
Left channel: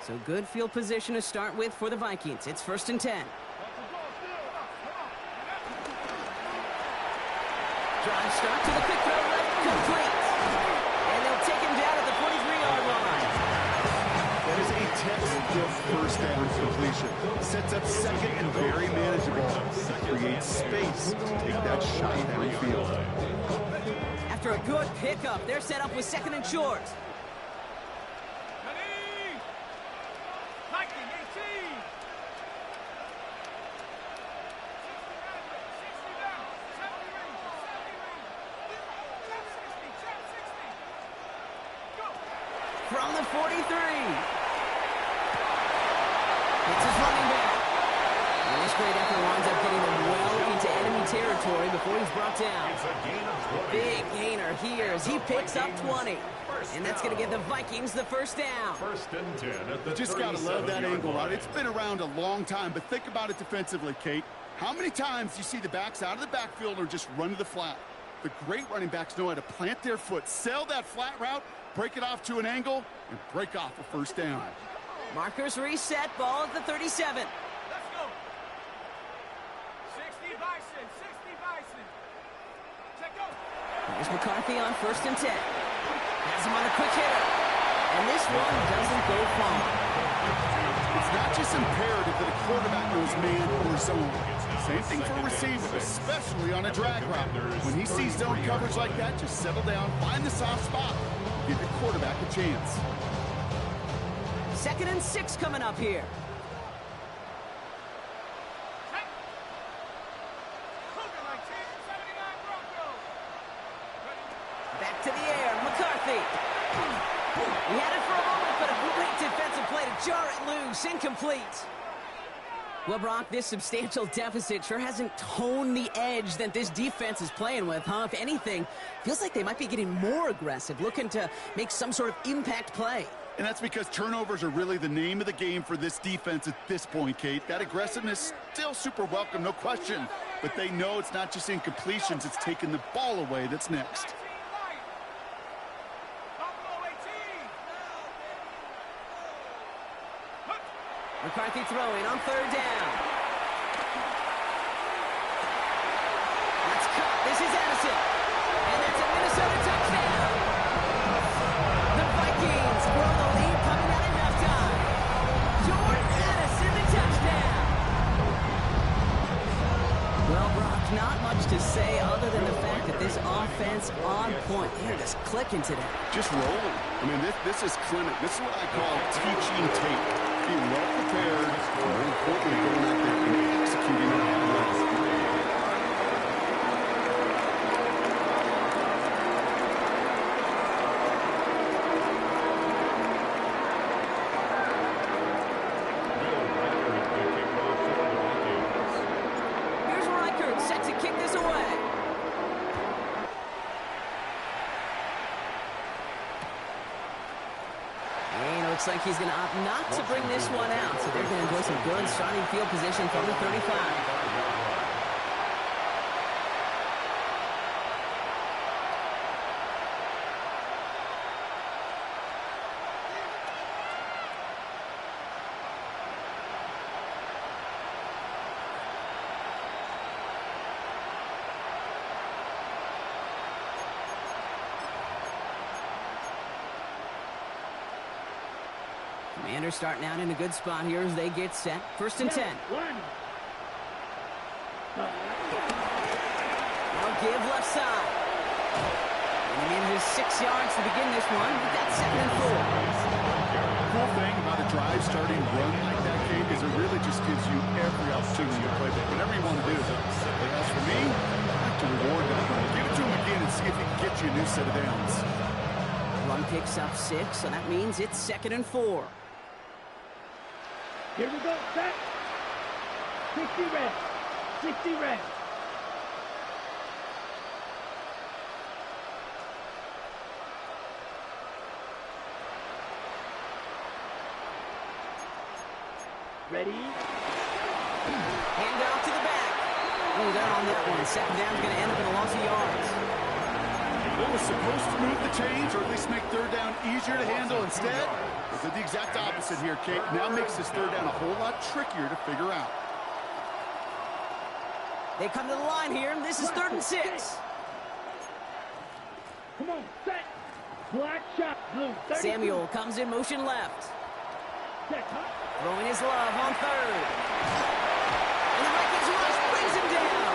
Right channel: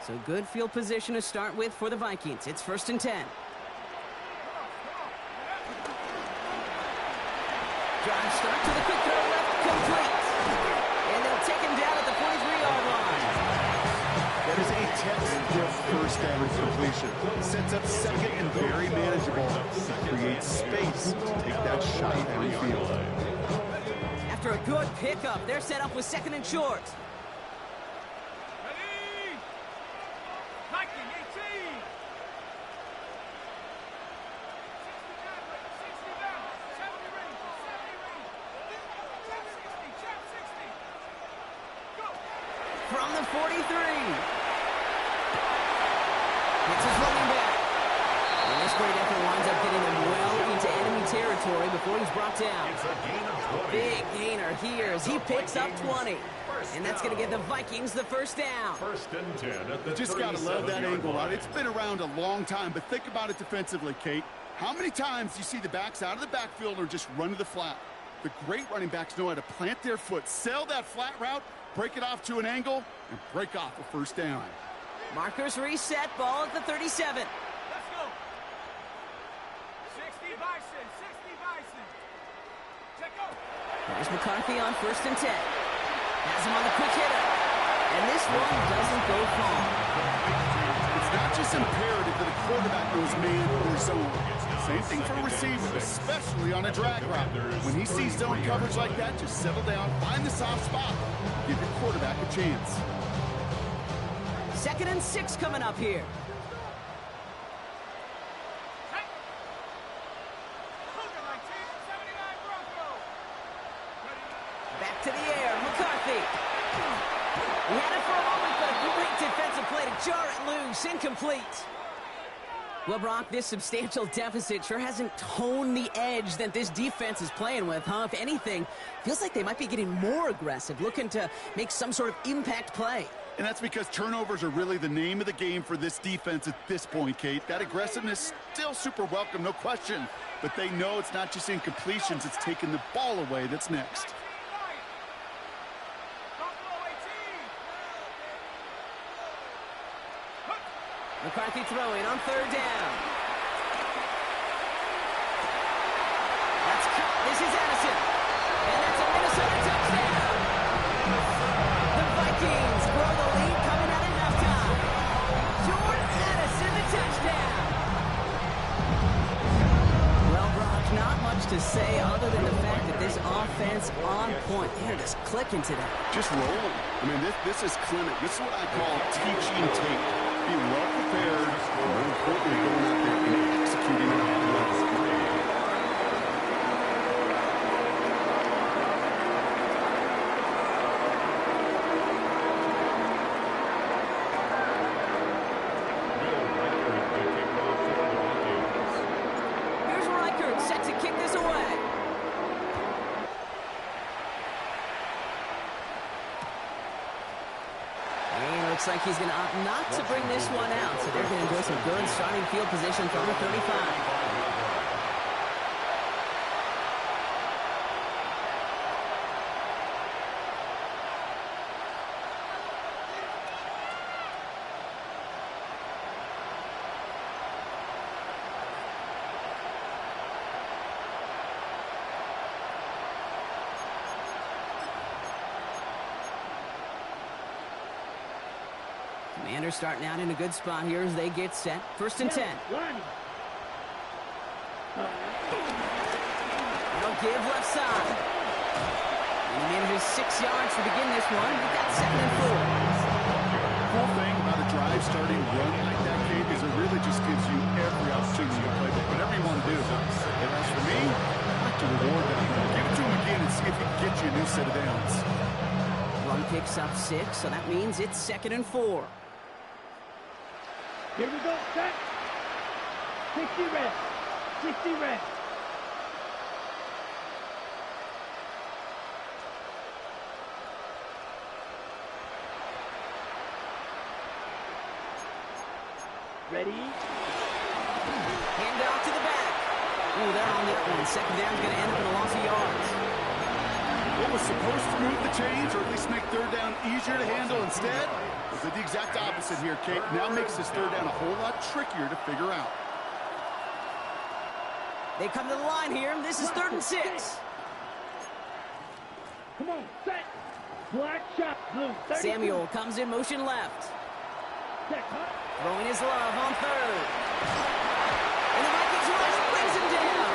So good field position to start with for the Vikings. It's first and 10. Drive start to the quick throw left, complete. And they'll take him down at the 43-yard line. That is a textbook first down completion. Sets up second and very manageable. Creates space to take that shot downfield. After a good pickup, they're set up with second and short. From the 43. It's his running back. And this great effort winds up getting them well into enemy territory before he's brought down. It's a gain of 20. Big gainer here as he picks up 20. And that's going to give the Vikings the first down. First and 10 at the Just got to love that 37-yard angle, line. right? It's been around a long time, but think about it defensively, Kate. How many times you see the backs out of the backfield or just run to the flat? The great running backs know how to plant their foot, sail that flat route, break it off to an angle, and break off a first down. Markers reset, ball at the 37. Let's go. 60 Bison. 60 Bison. Check go. Here's McCarthy on first and 10. Has him on the quick hitter. And this one doesn't go far. It's not just imperative that a quarterback knows man or zone. Same thing for a receiver, especially on a drag route. When he sees zone coverage like that, just settle down, find the soft spot, and give your quarterback a chance. Second and 6 coming up here. Back to the air, McCarthy. He had it for a moment, but a great defensive play to jar it loose. Incomplete. Well, Brock, this substantial deficit sure hasn't toned the edge that this defense is playing with, huh? If anything, feels like they might be getting more aggressive, looking to make some sort of impact play. And that's because turnovers are really the name of the game for this defense at this point, Kate. That aggressiveness still super welcome, no question. But they know it's not just incompletions, it's taking the ball away that's next. McCarthy throwing on third down. That's caught. This is Addison. And that's a Minnesota touchdown. The Vikings grow the lead coming out at halftime. Jordan Addison, the touchdown. Well, Brock, not much to say other than the fact that this offense on point. They're just clicking today. Just rolling. I mean, this is clinic. This is what I call teaching tape. Being well prepared, and more importantly, going out there and executing at a high level. Looks like he's going to opt not to bring this one out, so they're going to enjoy some good starting field position from the 35. Commanders starting out in a good spot here as they get set. First and 10. Now give left side. And he manages 6 yards to begin this one. We've got 2nd and 4. The cool thing about a drive starting run like that, Kate, is it really just gives you every opportunity to play whatever you want to do. And as for me, I like to reward that run. Give it to him again and see if he can get you a new set of downs. Run picks up 6, so that means it's 2nd and 4. Here we go, set. 60 red. 60 red. Ready? Hand off to the back. Ooh, they're on that one. 2nd down's going to end up in a loss of yards. What was supposed to move the chains, or at least make third down easier to handle instead, was the exact opposite here, Kate. Now makes this third down a whole lot trickier to figure out. They come to the line here, and this is 3rd and 6. Come on, set. Black shot, blue. 32. Samuel comes in motion left. Set, huh? Throwing his love on 3rd. And the Vikings rush brings him down.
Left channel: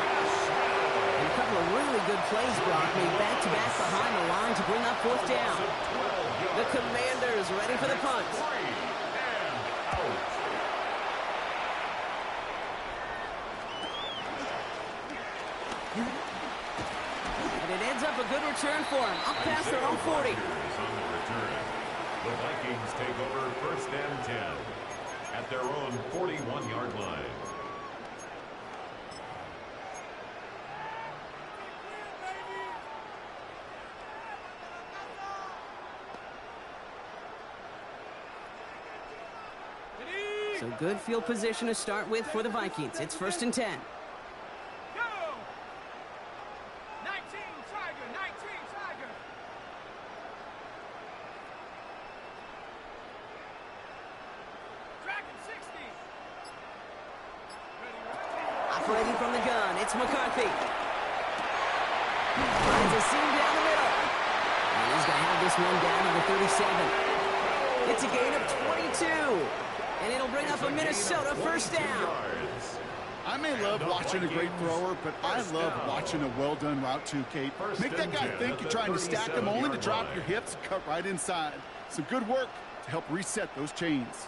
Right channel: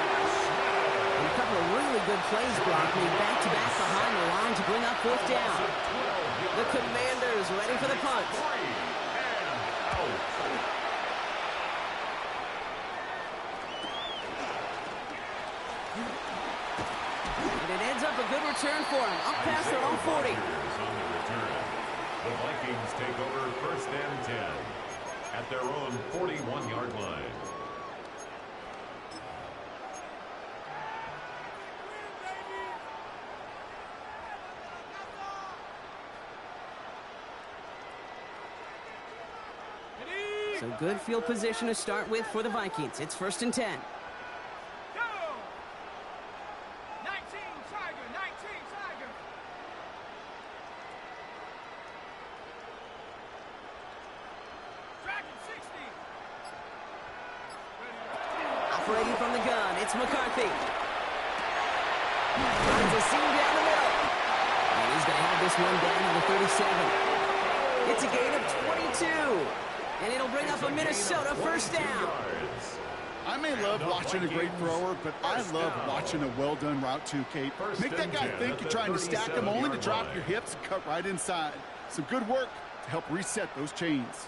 And a couple of really good plays, Brock, made back-to-back behind the line to bring up 4th down. The Commanders ready for the punt. And it ends up a good return for him. Up past their own 40. On the return. The Vikings take over 1st and 10 at their own 41-yard line. So good field position to start with for the Vikings. It's 1st and 10. Go! 19 Tiger, 19 Tiger. Dragon 60. Operating from the gun, it's McCarthy. Finds a seam down the middle. And he's going to have this one down to the 37. It's a gain of 22. And it'll bring up a Minnesota 1st down. I may love watching a great thrower, but I love watching a well-done route too, Kate. Make that guy think you're trying to stack him only to drop your hips and cut right inside. Some good work to help reset those chains.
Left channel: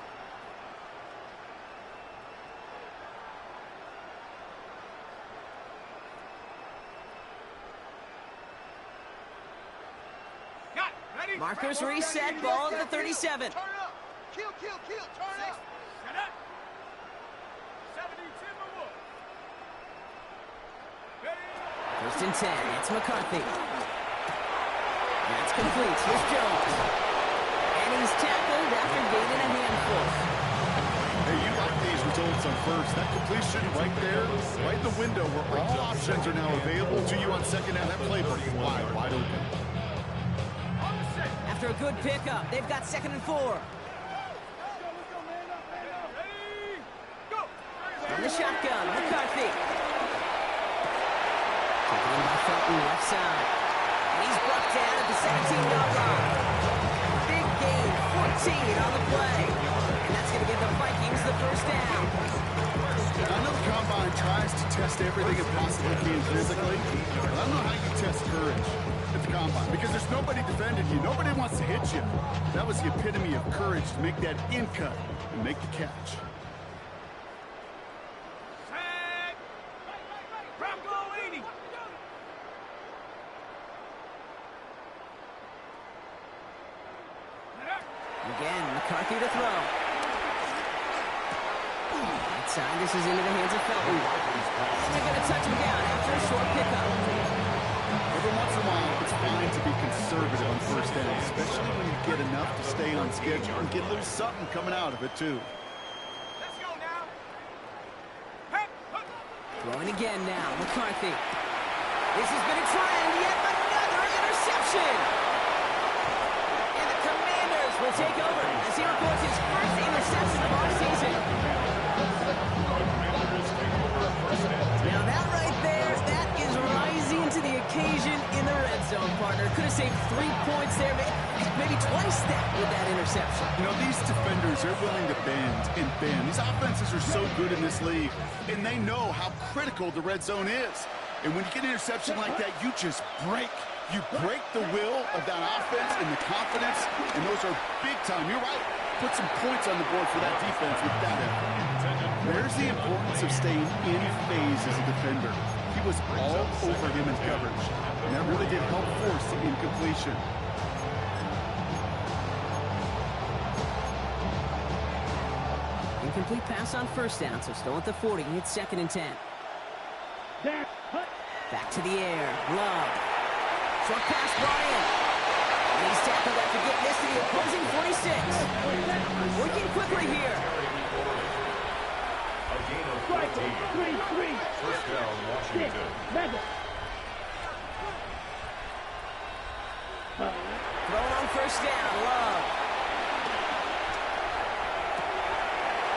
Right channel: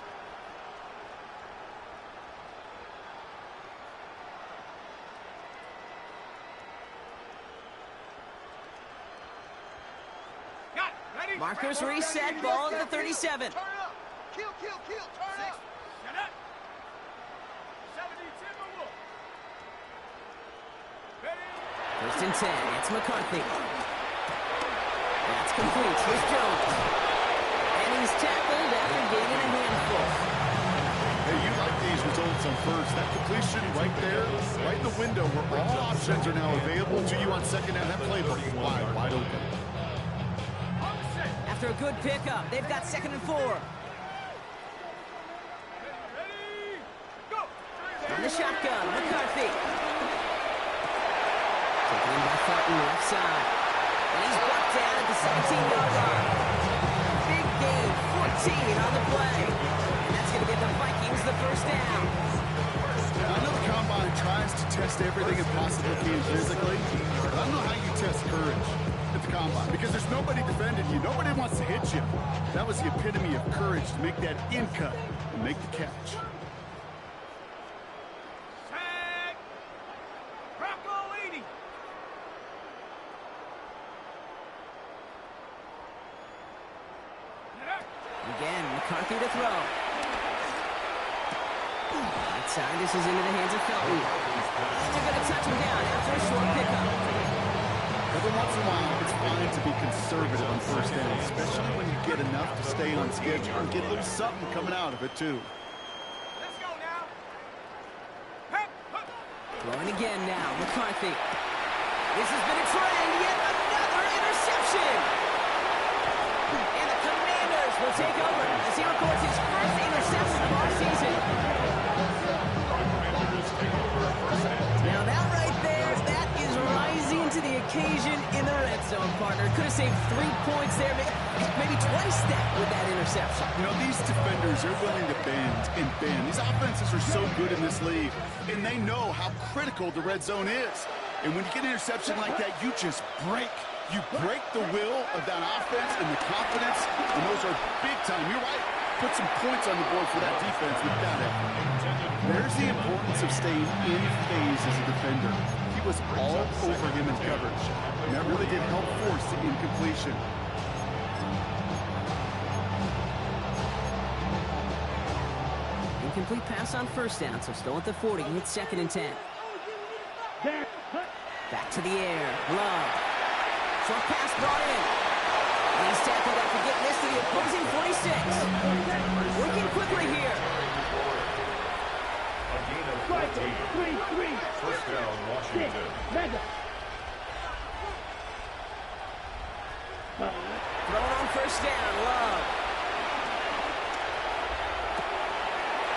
Markers reset, ball at the 37. Turn up. Kill, turn up. Shut up. 70, Timberwolf. Ready? 1st and 10, it's McCarthy. That's complete, here's Jones. And he's tackled after gaining a handful. Hey, you like these results on first. That completion right there, right in the window where all options are now available to you on 2nd down. That playbook is wide open. After a good pickup, they've got 2nd and 4. the shotgun. McCarthy. Taken in by Felton, left side. And he's brought down at the 17-yard line. Big gain, 14 on the play. And that's going to get the Vikings the first down. I know the Combine tries to test everything it possibly can physically, but I don't know how you test courage at the Combine, because there's nobody defending you. Nobody wants to hit you. That was the epitome of courage, to make that in cut and make the catch. Sack! Bronco 80! Again, McCarthy to throw. Right side, this is into the hands of Felton. And they're going to touch him down after a short pickup. Every once in a while, it's fine to be conservative on first down, especially when you get enough to stay on schedule and get a little something coming out of it, too. Let's go now! Hey! Throwing again now, McCarthy. This has been a trend, yet another interception! And the Commanders will take over as he records his first interception of our season. Now that right there, that is rising to the occasion in the red zone, partner. Could have saved 3 points there, maybe twice that with that interception. You know, these defenders are willing to bend and bend. These offenses are so good in this league, and they know how critical the red zone is. And when you get an interception like that, you just break. You break the will of that offense and the confidence, and those are big time. You're right. Put some points on the board for that defense with that effort. There's the importance of staying in phase as a defender. He was all over him in coverage, and that really did help force the incompletion. Incomplete pass on first down, so still at the 40. It's 2nd and 10. Back to the air. Love. Short pass brought in. And he's tackled after getting this to the opposing 46. Working quickly here. A gain of 14. First down, Washington. Thrown on first down. Love.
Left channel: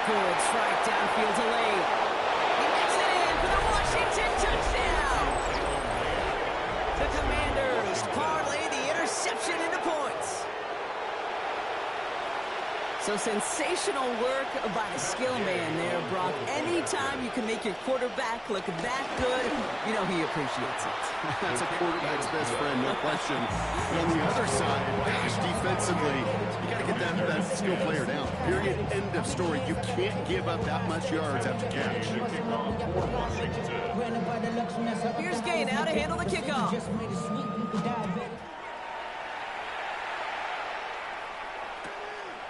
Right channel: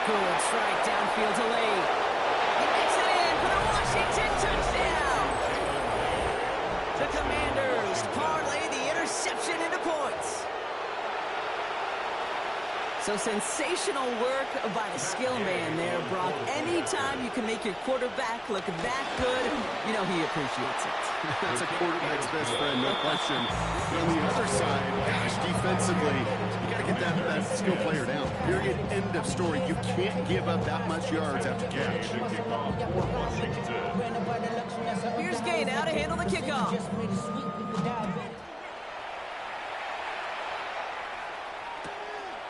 Good strike downfield to Lane. He makes it in for the Washington touchdown. The Commanders parlay the interception into points. So sensational work by the skill man there, Brock. Anytime you can make your quarterback look that good, you know he appreciates it. That's a quarterback's best friend, no question. But on the other side, gosh, defensively, you got to get that skill player down. Period. End of story. You can't give up that much yards after catch. Here's Gay now to handle the kickoff.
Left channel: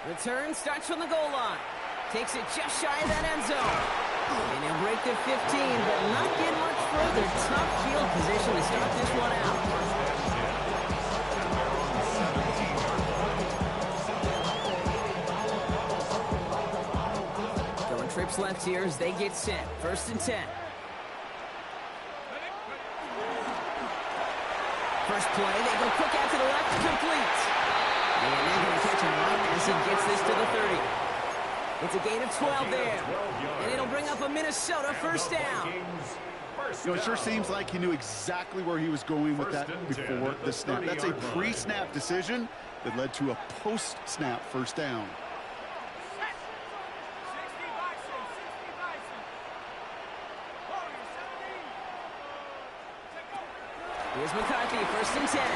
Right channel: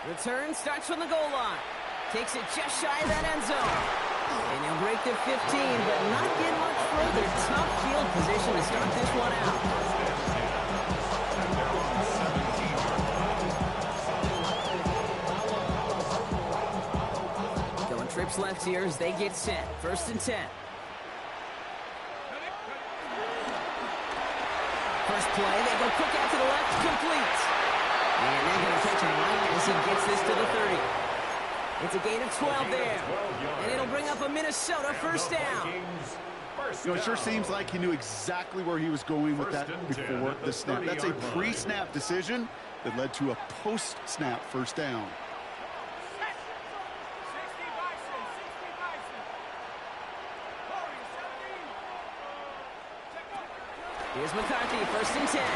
Return starts from the goal line. Takes it just shy of that end zone. And he'll break the 15, but not get much further. Tough field position to start this one out. Going trips left here as they get set. 1st and 10. First play, they go quick out to the left, complete. And they're going to catch him right as he gets this to the 30. It's a gain of 12 there. And it'll bring up a Minnesota first down. You know, it sure seems like he knew exactly where he was going with that before the snap. That's a pre-snap decision that led to a post-snap first down. 60 Bison, 60 Bison. Warrior 17. Here's McCarthy, 1st and 10.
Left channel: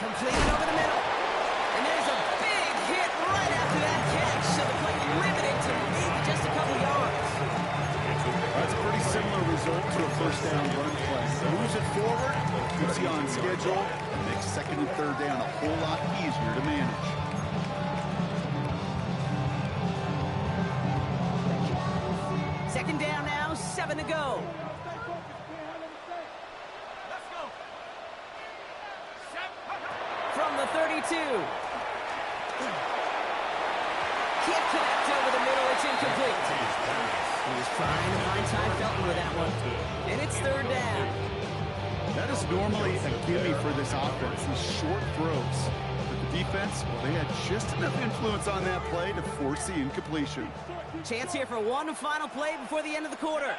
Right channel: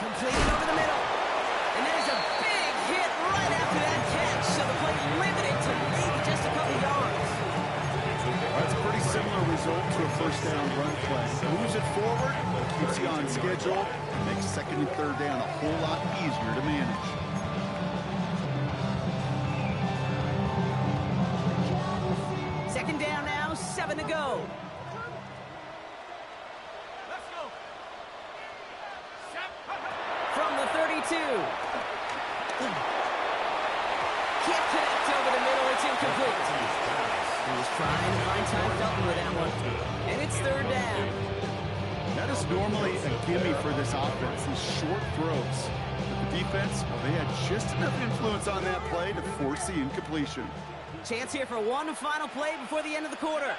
Completed over the middle. And there's a big hit right after that catch. So the play limited to maybe just a couple yards. That's a pretty similar result to a first down run play. Moves it forward, keeps you on schedule, and makes 2nd and 3rd down a whole lot easier to manage. Second down now, 7 to go. Let's go. From the 32. Can't connect over the middle. It's incomplete. He was trying to find Ty Felton with that one. And it's 3rd down. That is normally a gimme for this offense, these short throws. But the defense, well, they had just enough influence on that play to force the incompletion. Chance here for one final play before the end of the quarter.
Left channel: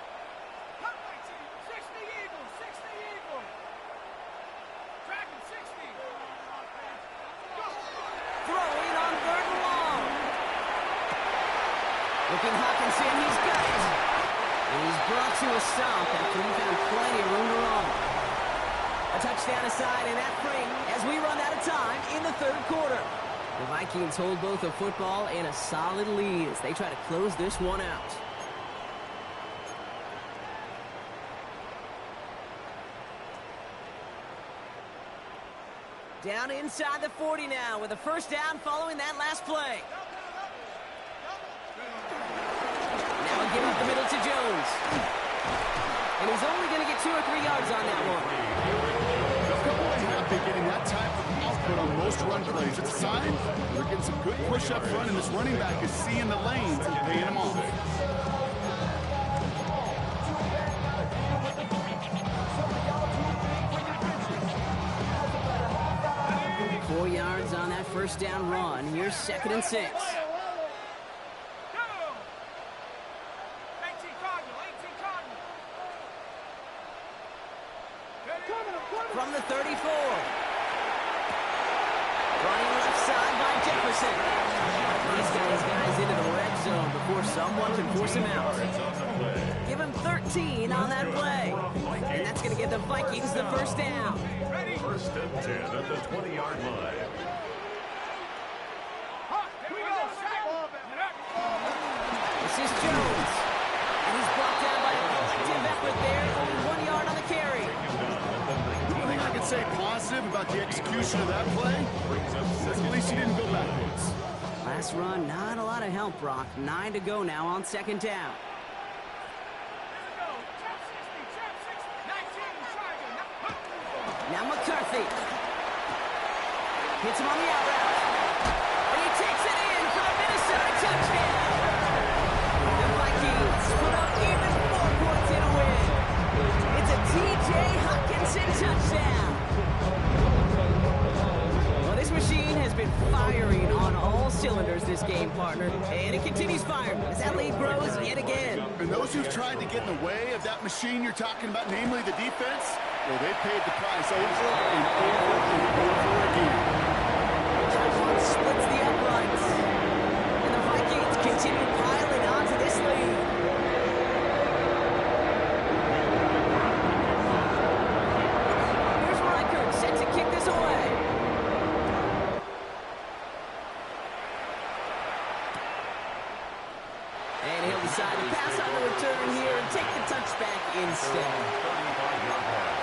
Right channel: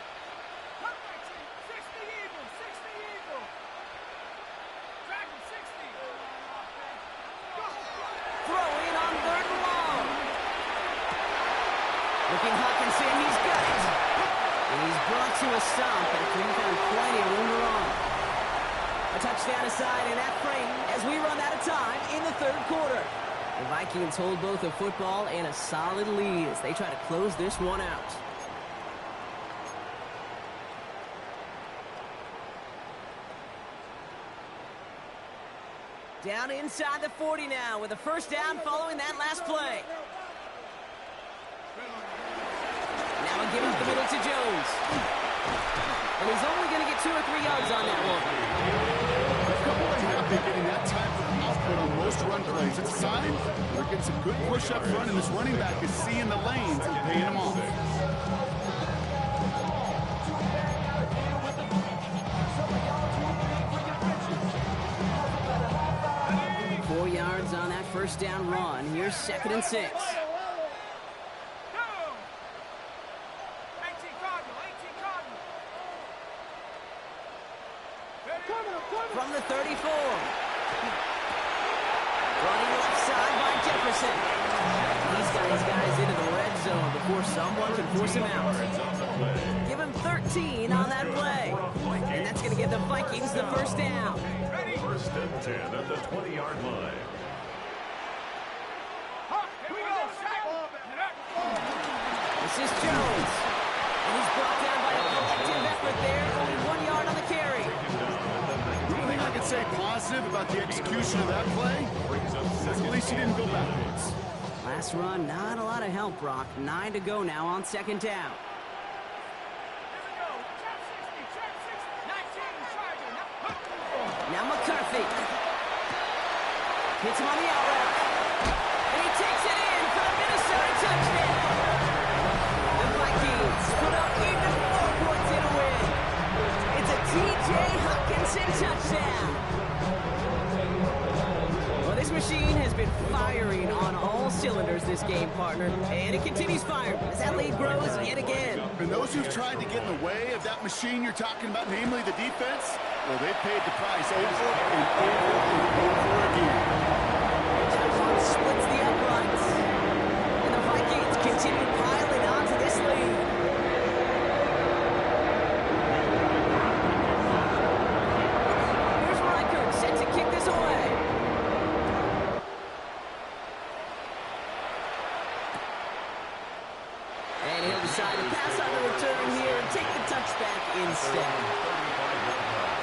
60 Eagles, 60 Eagles. Dragon 60. Throw in on 3rd and long. Looking Hawkinson, he's got it. And he's brought to a stop after he found plenty of room to run. A touchdown aside in that frame as we run out of time in the 3rd quarter. The Vikings hold both a football and a solid lead as they try to close this one out. Down inside the 40 now with a first down following that last play. Now a give up the middle to Jones. And he's only going to get 2 or 3 yards on that one. A couple of happy getting that type of output on most run plays. It's a sign they're getting some good push up front, and this running back is seeing the lanes and paying them off. 4 yards on that first down run. Here's 2nd and 6. 18 Cardinal, 18 Cardinal. From the 34. Running left side by Jefferson. He's got his guys into the red zone before someone can force him out. Give him 13 on that play. And that's going to give the Vikings the first down. 1st and 10 at the 20-yard line. Here we go. This is Jones. And he's brought down by a collective effort there. Only 1 yard on the carry. The only thing I can say positive about the execution of that play is at least he didn't go backwards. Last run, not a lot of help, Brock. 9 to go now on 2nd down. Now McCarthy. Hits him on the out route. And he takes it in for the Minnesota touchdown. The Vikings put up even 4 points in a win. It's a T.J. Hockenson touchdown. Well, this machine has been firing on all cylinders this game, partner. And it continues firing as that lead grows yet again. And those who've tried to get in the way of that machine you're talking about, namely the defense, well, they paid the price over and over and over again. That one splits the uprights. And the Vikings continue piling on to this lead. Here's Reichert set to kick this away. And he'll decide to pass on the return here and take the touchback instead. 35-yard line.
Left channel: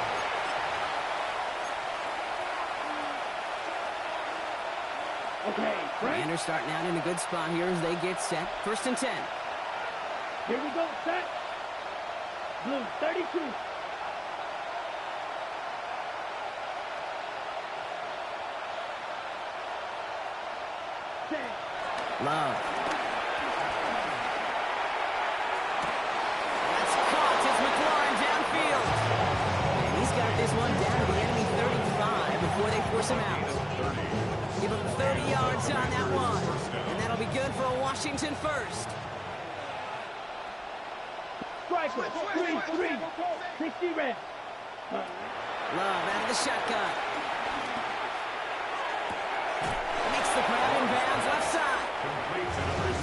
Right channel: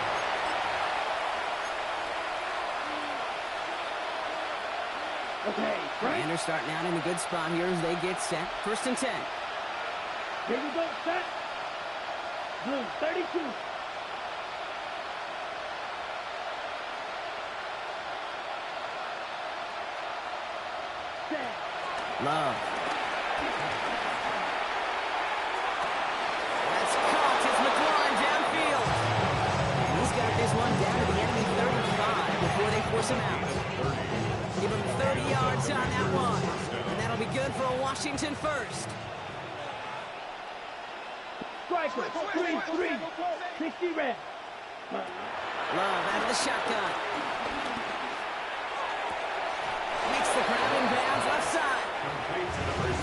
Okay, Frank. Commanders starting out in a good spot here as they get set. 1st and 10. Here we go, set. Blue, 32. Set. Love. That's caught. It's McLaurin downfield. And he's got this one down to the enemy 35 before they force him out. Give him 30 yards on that one. And that'll be good for a Washington first. Striker, 3-3. 60 red. Love out of the shotgun. Makes the grab in bounds left side.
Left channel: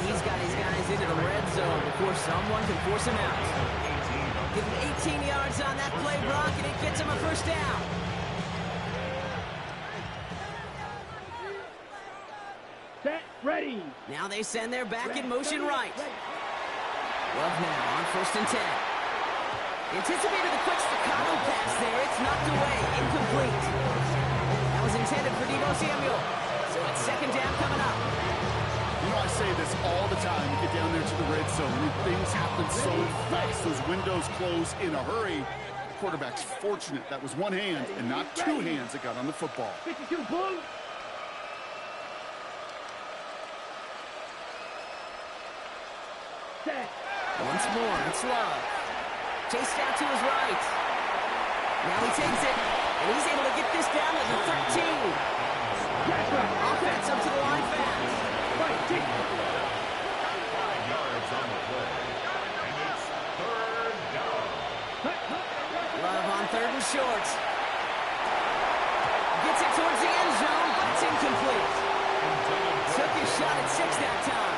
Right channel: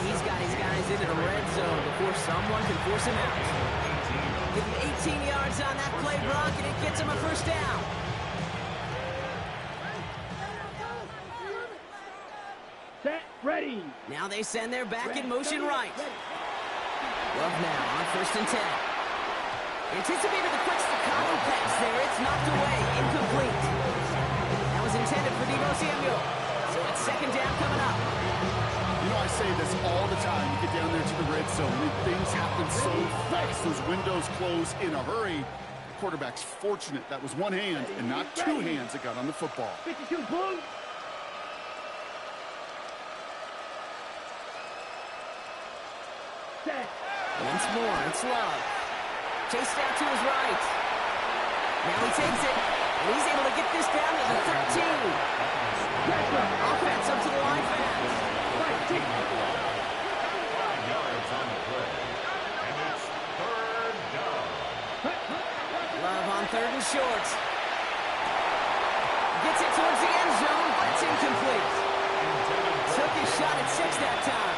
He's got his guys into the red zone before someone can force him out. Give him 18 yards on that play, Brock, and it gets him a first down. Set, ready. Now they send their back in motion right. Love now on 1st and 10. Anticipated the quick staccato pass there. It's knocked away, incomplete. That was intended for Deebo Samuel. So it's 2nd down coming up. You know, I say this all the time. You get down there to the red zone, and things happen so fast. Those windows close in a hurry. The quarterback's fortunate that was one hand and not 2 hands that got on the football. 52 blue. Set. Once more, it's Love. Chased out to his right. Now he takes it, and he's able to get this down to the 13. Offense up to the line fast. 5 yards yards on the play. And it's third down. Love on 3rd and short. Gets it towards the end zone, but it's incomplete. Took his shot at 6 that time.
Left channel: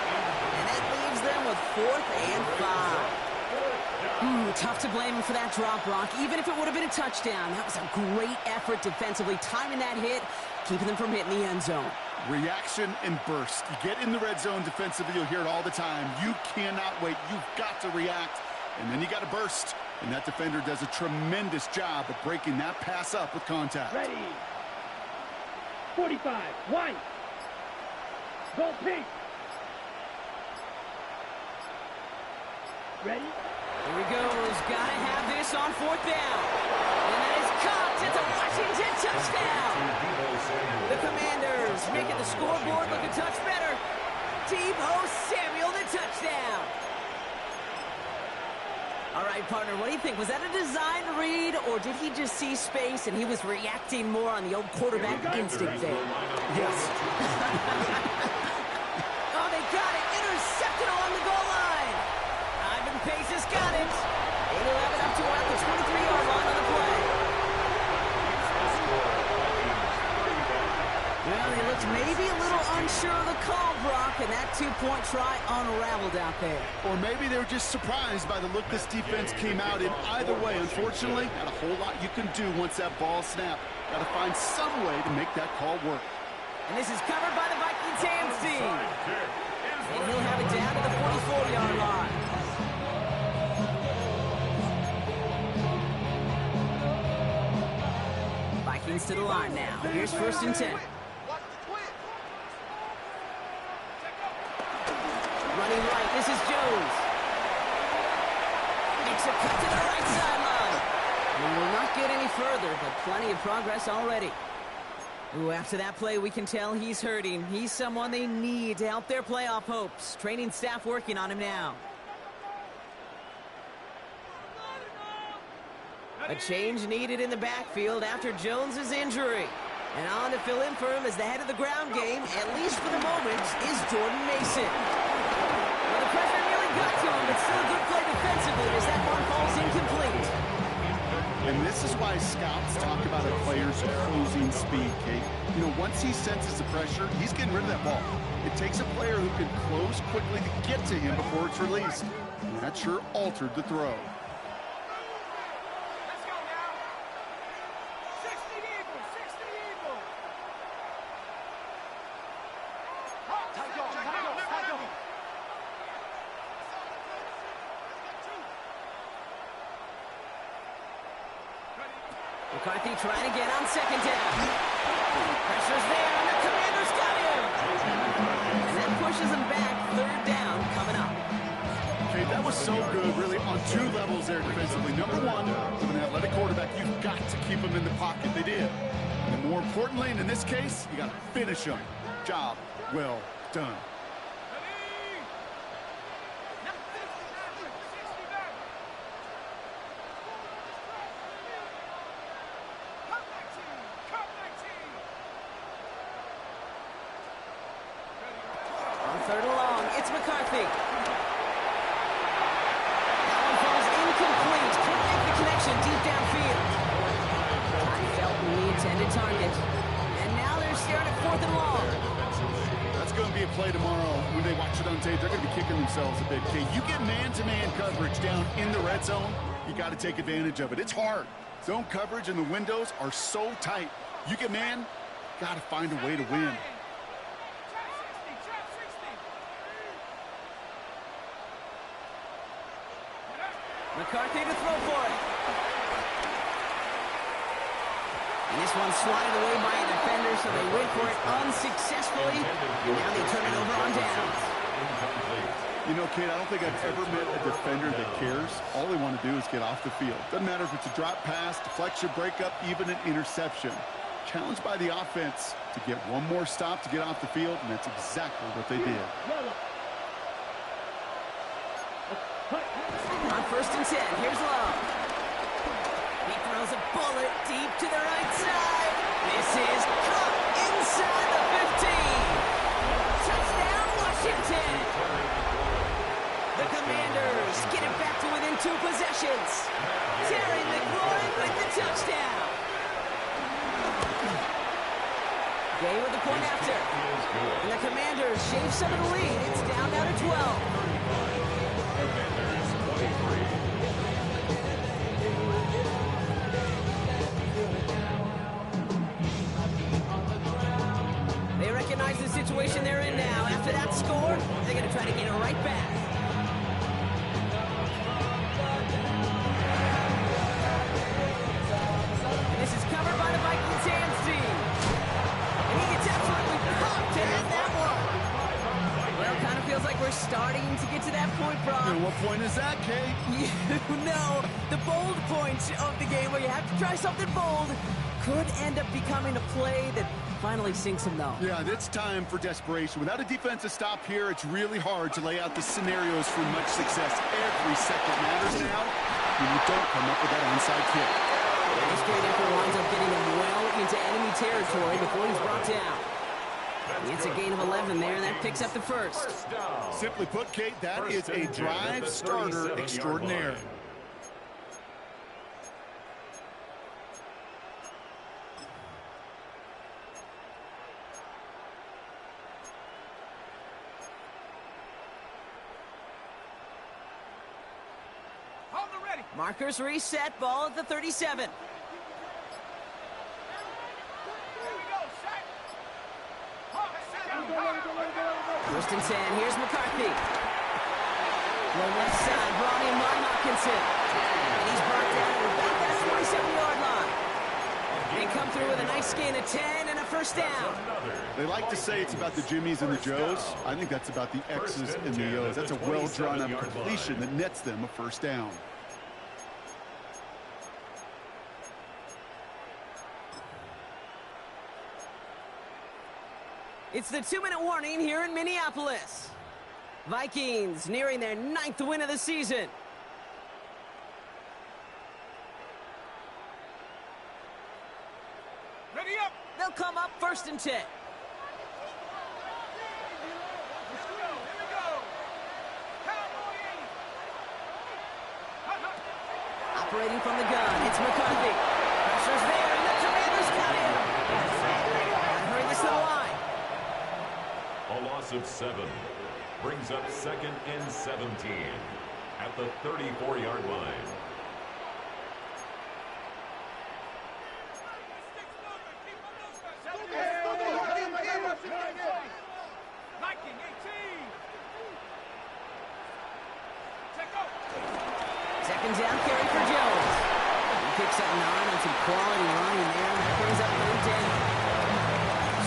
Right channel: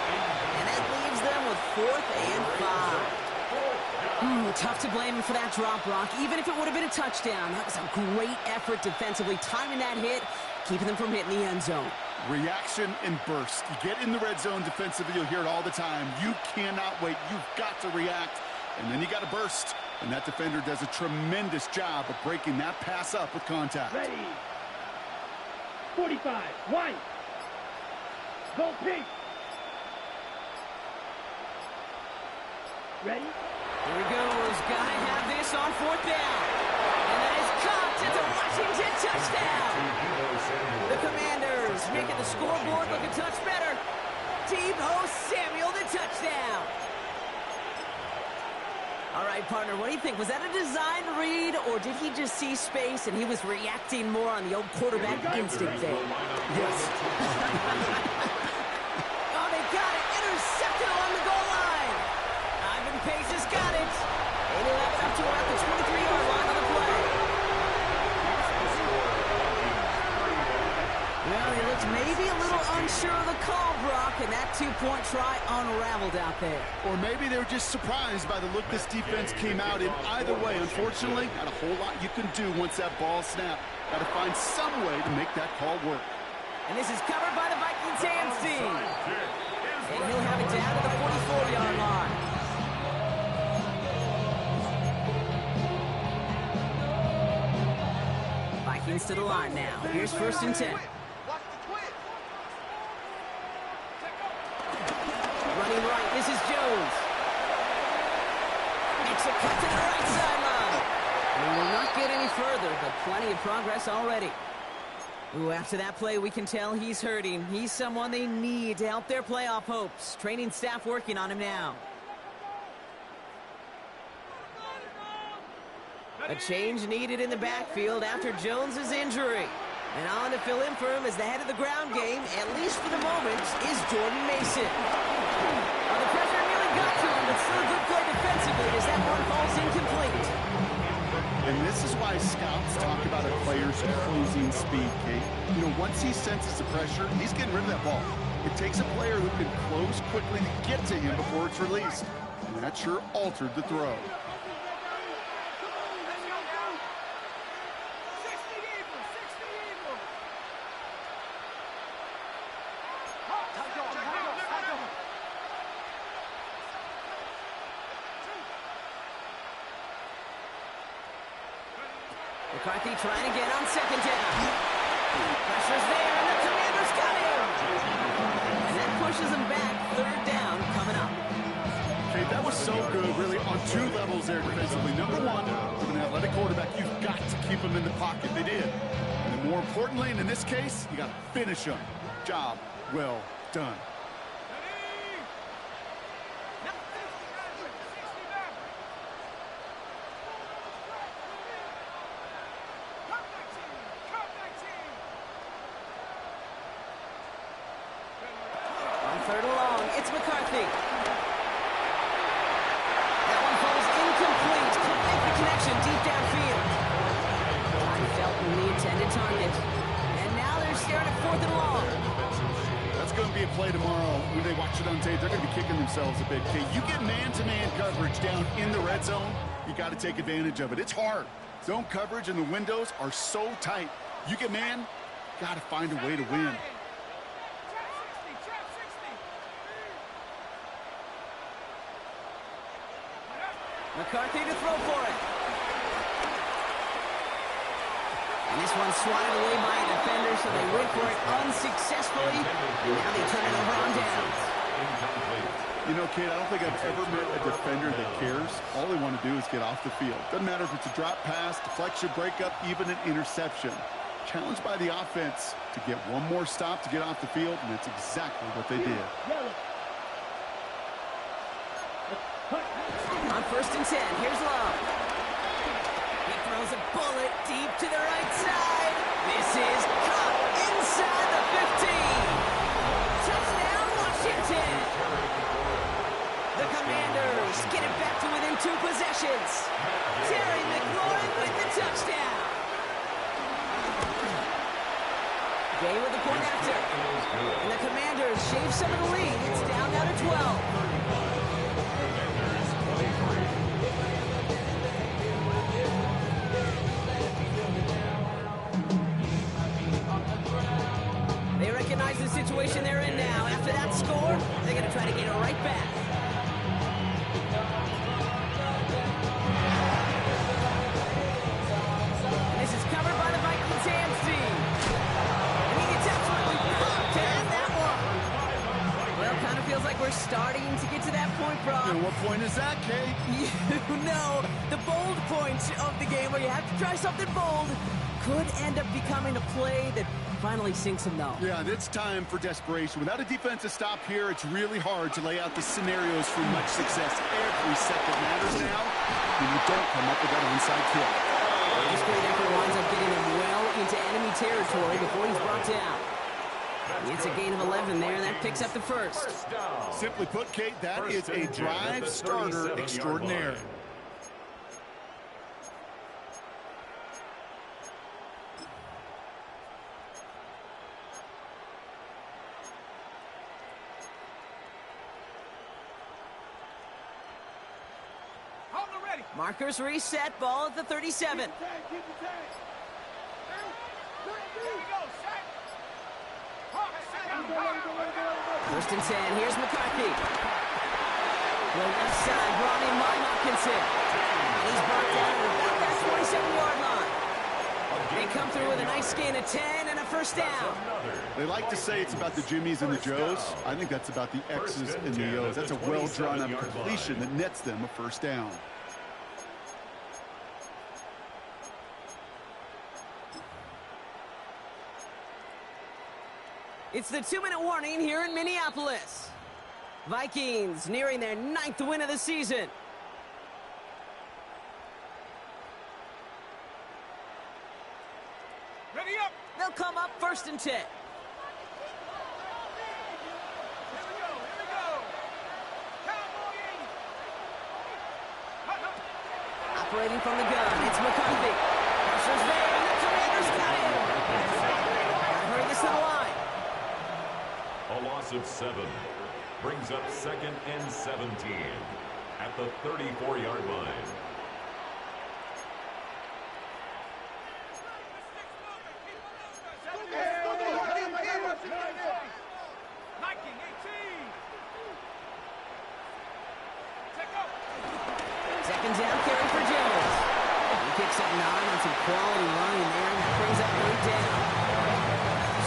And that leaves them with 4th and 5. Tough to blame him for that drop, Brock, even if it would have been a touchdown. That was a great effort defensively, timing that hit, keeping them from hitting the end zone. Reaction and burst. You get in the red zone defensively, you'll hear it all the time. You cannot wait. You've got to react, and then you got to burst. And that defender does a tremendous job of breaking that pass up with contact. Ready. 45. 1. Go pink. Ready? Here he goes. Gotta have this on 4th down. And that is caught. It's a Washington touchdown. The Commanders making the scoreboard look a touch better. Deebo Samuel, the touchdown. All right, partner, what do you think? Was that a design read, or did he just see space and he was reacting more on the old quarterback instinct there? Yes. Oh, they got it. Intercepted along the goal line. Ivan Pace has got it. And he'll have it up to about the 23-yard line on the play. Well, he looks maybe a little unsure of the call, Brock, and that 2-point try unraveled out there. Or maybe they were just surprised by the look this defense came out in. Either way, unfortunately, not a whole lot you can do once that ball snapped. Got to find some way to make that call work. And this is covered by the Vikings hands team. And he'll have it down to the 44-yard line. Vikings to the line now. Here's 1st and 10. Running right, this is Jones. Makes a cut to the right sideline. We will not get any further, but plenty of progress already. Ooh, after that play, we can tell he's hurting. He's someone they need to help their playoff hopes. Training staff working on him now. A change needed in the backfield after Jones's injury. And on to fill in for him as the head of the ground game, at least for the moment, is Jordan Mason. Well, the pressure nearly got to him, but still a good play defensively as that one falls incomplete. And this is why scouts talk about a player's closing speed, Kate. You know, once he senses the pressure, he's getting rid of that ball. It takes a player who can close quickly to get to him before it's released. And that sure altered the throw. Let's go now. 60 Eagle, 60 Eagle. McCarthy trying again on 2nd down. Pressure's there, and the Commanders got him. And that pushes them back. 3rd down coming up. Okay, that was so good, really, on 2 levels there defensively. Number 1, with an athletic quarterback, you've got to keep him in the pocket. They did. And then more importantly, and in this case, you got to finish him. Job well done. On 3rd and long, it's McCarthy. That one falls incomplete. Couldn't make the connection deep downfield. Ty Felton, the intended target. And now they're staring at 4th and long. That's going to be a play tomorrow. When they watch it on tape, they're going to be kicking themselves a bit. Okay, you get man-to-man coverage down in the red zone, you got to take advantage of it. It's hard. Zone coverage and the windows are so tight. You get man, got to find a way to win. McCarthy to throw for it. And this one swatted away by a defender, so they went for it unsuccessfully. And now they turn it over on downs. You know, Kate, I don't think I've ever met a defender that cares. All they want to do is get off the field. Doesn't matter if it's a drop pass, deflection, breakup, even an interception. Challenged by the offense to get one more stop to get off the field, and that's exactly what they did. On 1st and 10, here's Love. He throws a bullet deep to the right side. This is caught inside the 15. Touchdown, Washington. The Commanders get it back to within 2 possessions. Terry McLaurin with the touchdown. Gay with the point after. And the Commanders shave some of the lead. It's down now to 12. Commanders 23. They recognize the situation they're in now. After that score, they're going to try to get it right back. And this is covered by the Vikings hands team. And he gets absolutely pumped to end that one. Well, kind of feels like we're starting to get to that point, Brock. And what point is that, Kate? You know, the bold point of the game where you have to try something bold could end up becoming a play that finally sinks him, though. Yeah, it's time for desperation. Without a defensive stop here, it's really hard to lay out the scenarios for much success. Every second matters now when you don't come up with that onside kick. This great effort winds up getting him well into enemy territory before he's brought down. It's a gain of 11 there, and that picks up the first. Simply put, Kate, that is a drive starter extraordinaire. Markers reset, ball at the 37. First and 10, here's McCarthy. Well, left side, brought in by Hopkinson. And he's brought down at about that 27-yard line. They come through with a nice gain of 10 and a first down. They like to say it's about the Jimmies and the Joes. I think that's about the X's and the O's. That's a well-drawn-up completion that nets them a first down. It's the 2-minute warning here in Minneapolis. Vikings nearing their 9th win of the season. Ready up. They'll come up first and 10. Here we go. Cowboy 80. Operating from the gun, it's McCarthy. Pressure's there, and the Commanders got him. Gotta hurry this to the line. A loss of 7 brings up 2nd and 17 at the 34-yard line. Viking 18. Check out. Second down carry for Jones. He picks up 9 on some quality running there, and that brings up 3rd down.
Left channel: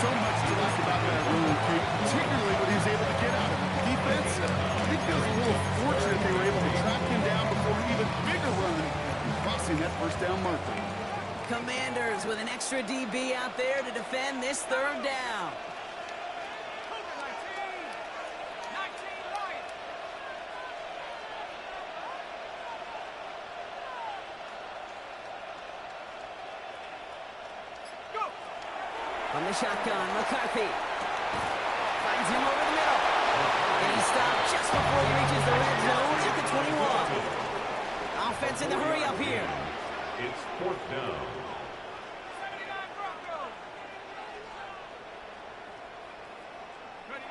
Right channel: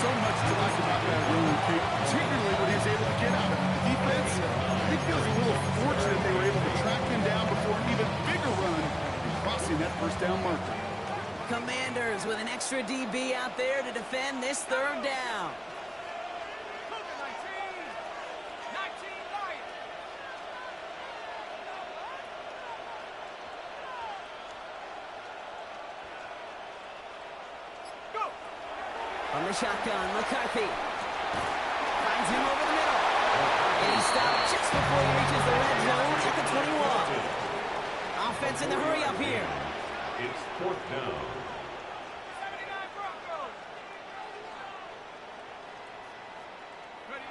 So much to like about that run, Kate, particularly when he was able to get out of it. The defense, I think, feels a little fortunate they were able to track him down before an even bigger run and crossing that first down marker. Commanders with an extra DB out there to defend this 3rd down. Cougar 19. 19 Lions. Go. From the shotgun, McCarthy finds him over the middle. And he stopped just before he reaches the red zone at the 21. Offense in the hurry up here. It's 4th down. 79 Broncos. Ready.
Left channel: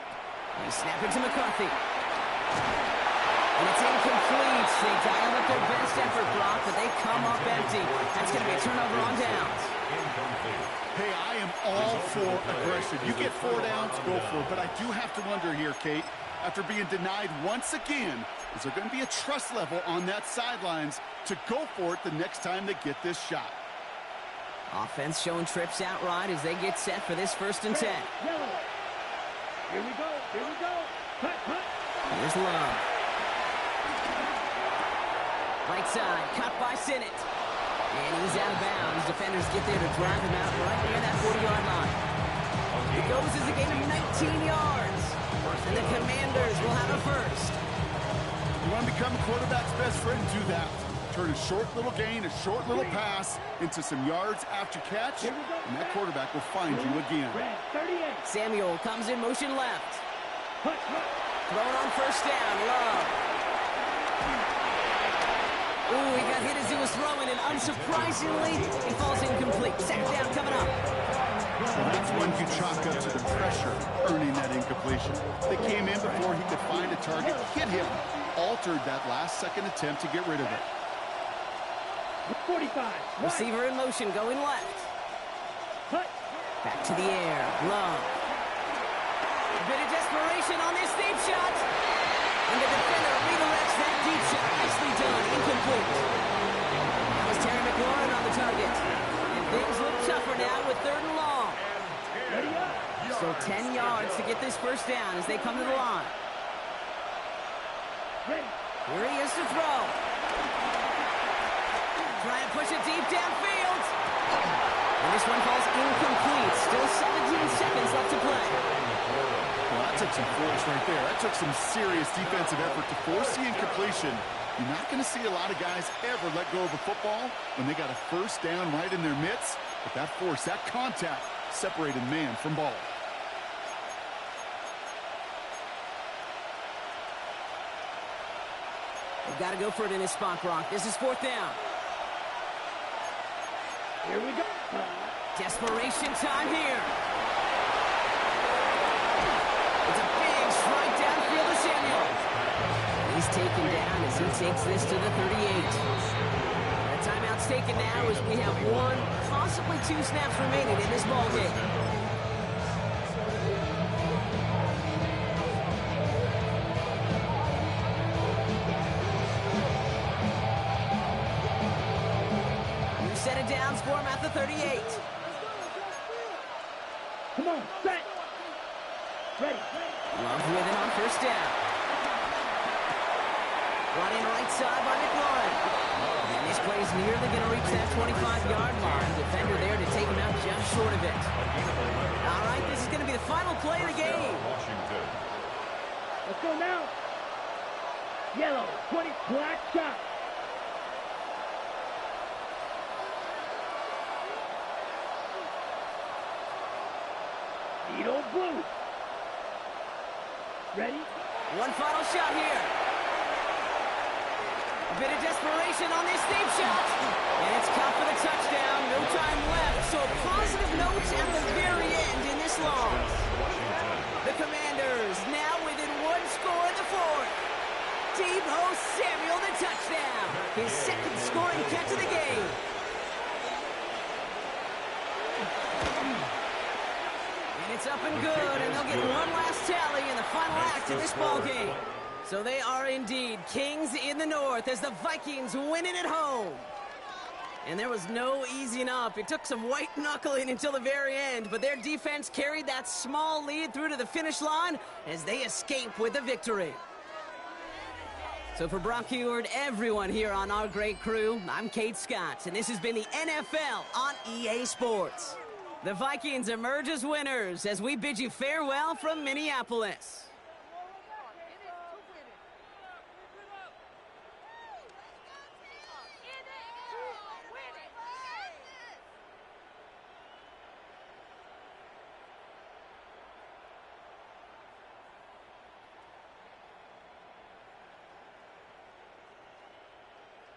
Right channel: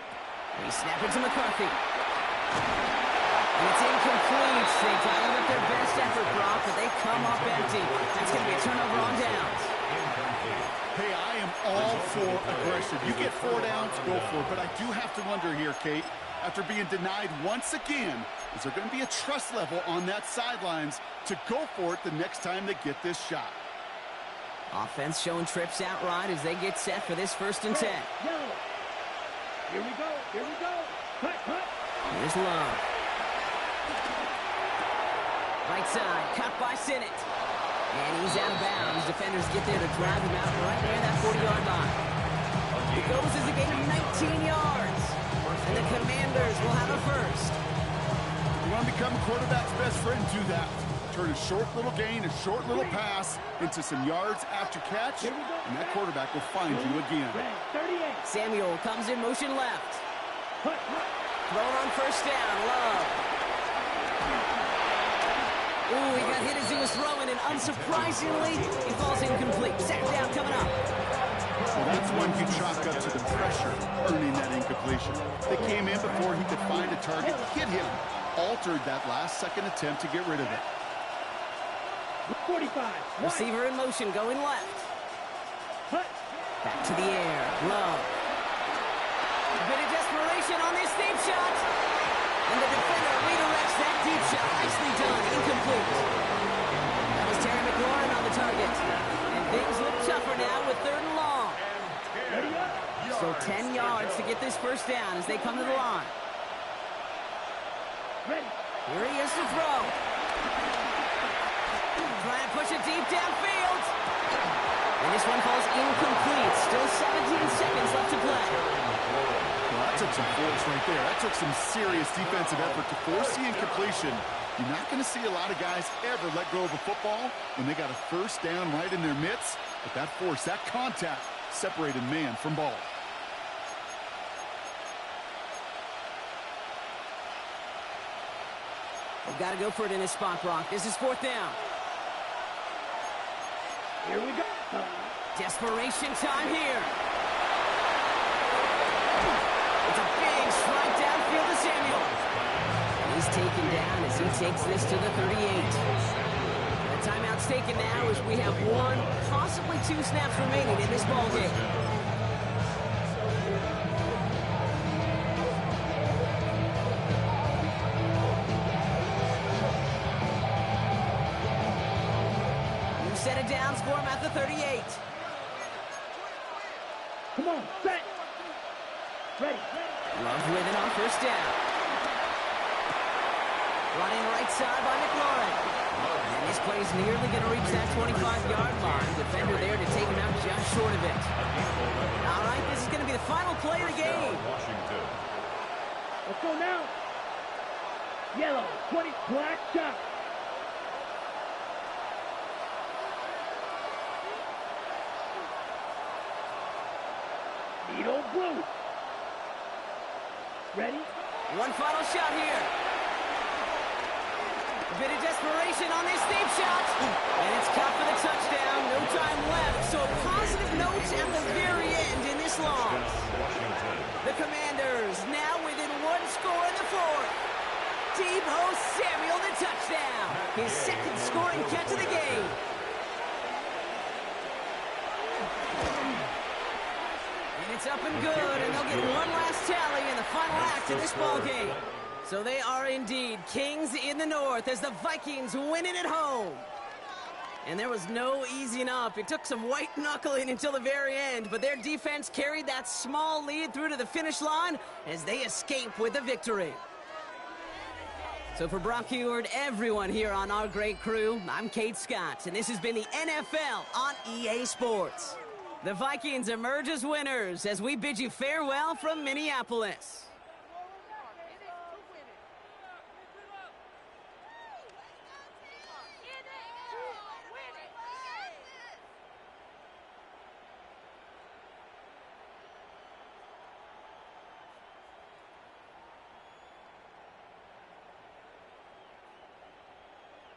They snap it to McCarthy. And it's incomplete. They dialed up their best effort, Brock, but they come up empty. That's going to be a turnover on downs. Incomplete. Hey, I am all for aggression. You get 4 downs, go for it. But I do have to wonder here, Kate, after being denied once again, is there going to be a trust level on that sidelines to go for it the next time they get this shot? Offense showing trips out right as they get set for this 1st and 10. Yellow. Here we go. Punt. Here's Love. Right side, cut by Sinnott. And he's out of bounds. Defenders get there to drive him out right near that 40-yard line. It goes as a gain of 19 yards. And the Commanders will have a first. You want to become a quarterback's best friend, do that. Turn a short little gain, a short little pass into some yards after catch, and that quarterback will find you again. Red 38. Samuel comes in motion left. Punt. Thrown on first down, Love. Ooh, he got hit as he was throwing, and unsurprisingly, he falls incomplete. Second down coming up. Well, that's one you chalk up to the pressure earning that incompletion. They came in before he could find a target, hit him, altered that last-second attempt to get rid of it. 45. Receiver in motion, going left. Cut. Back to the air. Love. A bit of desperation on this deep shot. And the defender redirects that deep shot. Nicely done. Incomplete. That was Terry McLaurin on the target. And things look tougher now with 3rd and long. Ready up. So 10 yards to get this first down as they come to the line. Ready. Here he is to throw. Trying to push it deep downfield. And this one falls incomplete. Still 17 seconds left to play. Well, that took some force right there. That took some serious defensive effort to force the incompletion. You're not going to see a lot of guys ever let go of a football when they got a first down right in their midst. But that force, that contact, separated man from ball. They've got to go for it in this spot, Brock. This is 4th down. Here we go. Desperation time here. It's a big strike downfield to Samuel. And he's taken down as he takes this to the 38. The timeout's taken now as we have 1, possibly 2 snaps remaining in this ball game. Set it down for him at the 38. Come on, set. Ready. Love with it on first down. Brought in right side by McLaurin. And this play is nearly going to reach that 25-yard line. Defender there to take him out just short of it. All right, this is going to be the final play of the game. Let's go now. Yellow, 20, black shot. Needle blue. Ready? One final shot here. A bit of desperation on this deep shot. And it's caught for the touchdown. No time left. So positive notes at the very end in this loss. The Commanders now within 1 score in the 4th. Deebo Samuel the touchdown. His 2nd scoring catch of the game. And it's up and good, and they'll get one last tally in the final act of this ball game. So they are indeed kings in the north as the Vikings win it at home. And there was no easing up. It took some white knuckling until the very end, but their defense carried that small lead through to the finish line as they escape with the victory. So for Brock Huard, everyone here on our great crew, I'm Kate Scott, and this has been the NFL on EA Sports. The Vikings emerge as winners as we bid you farewell from Minneapolis.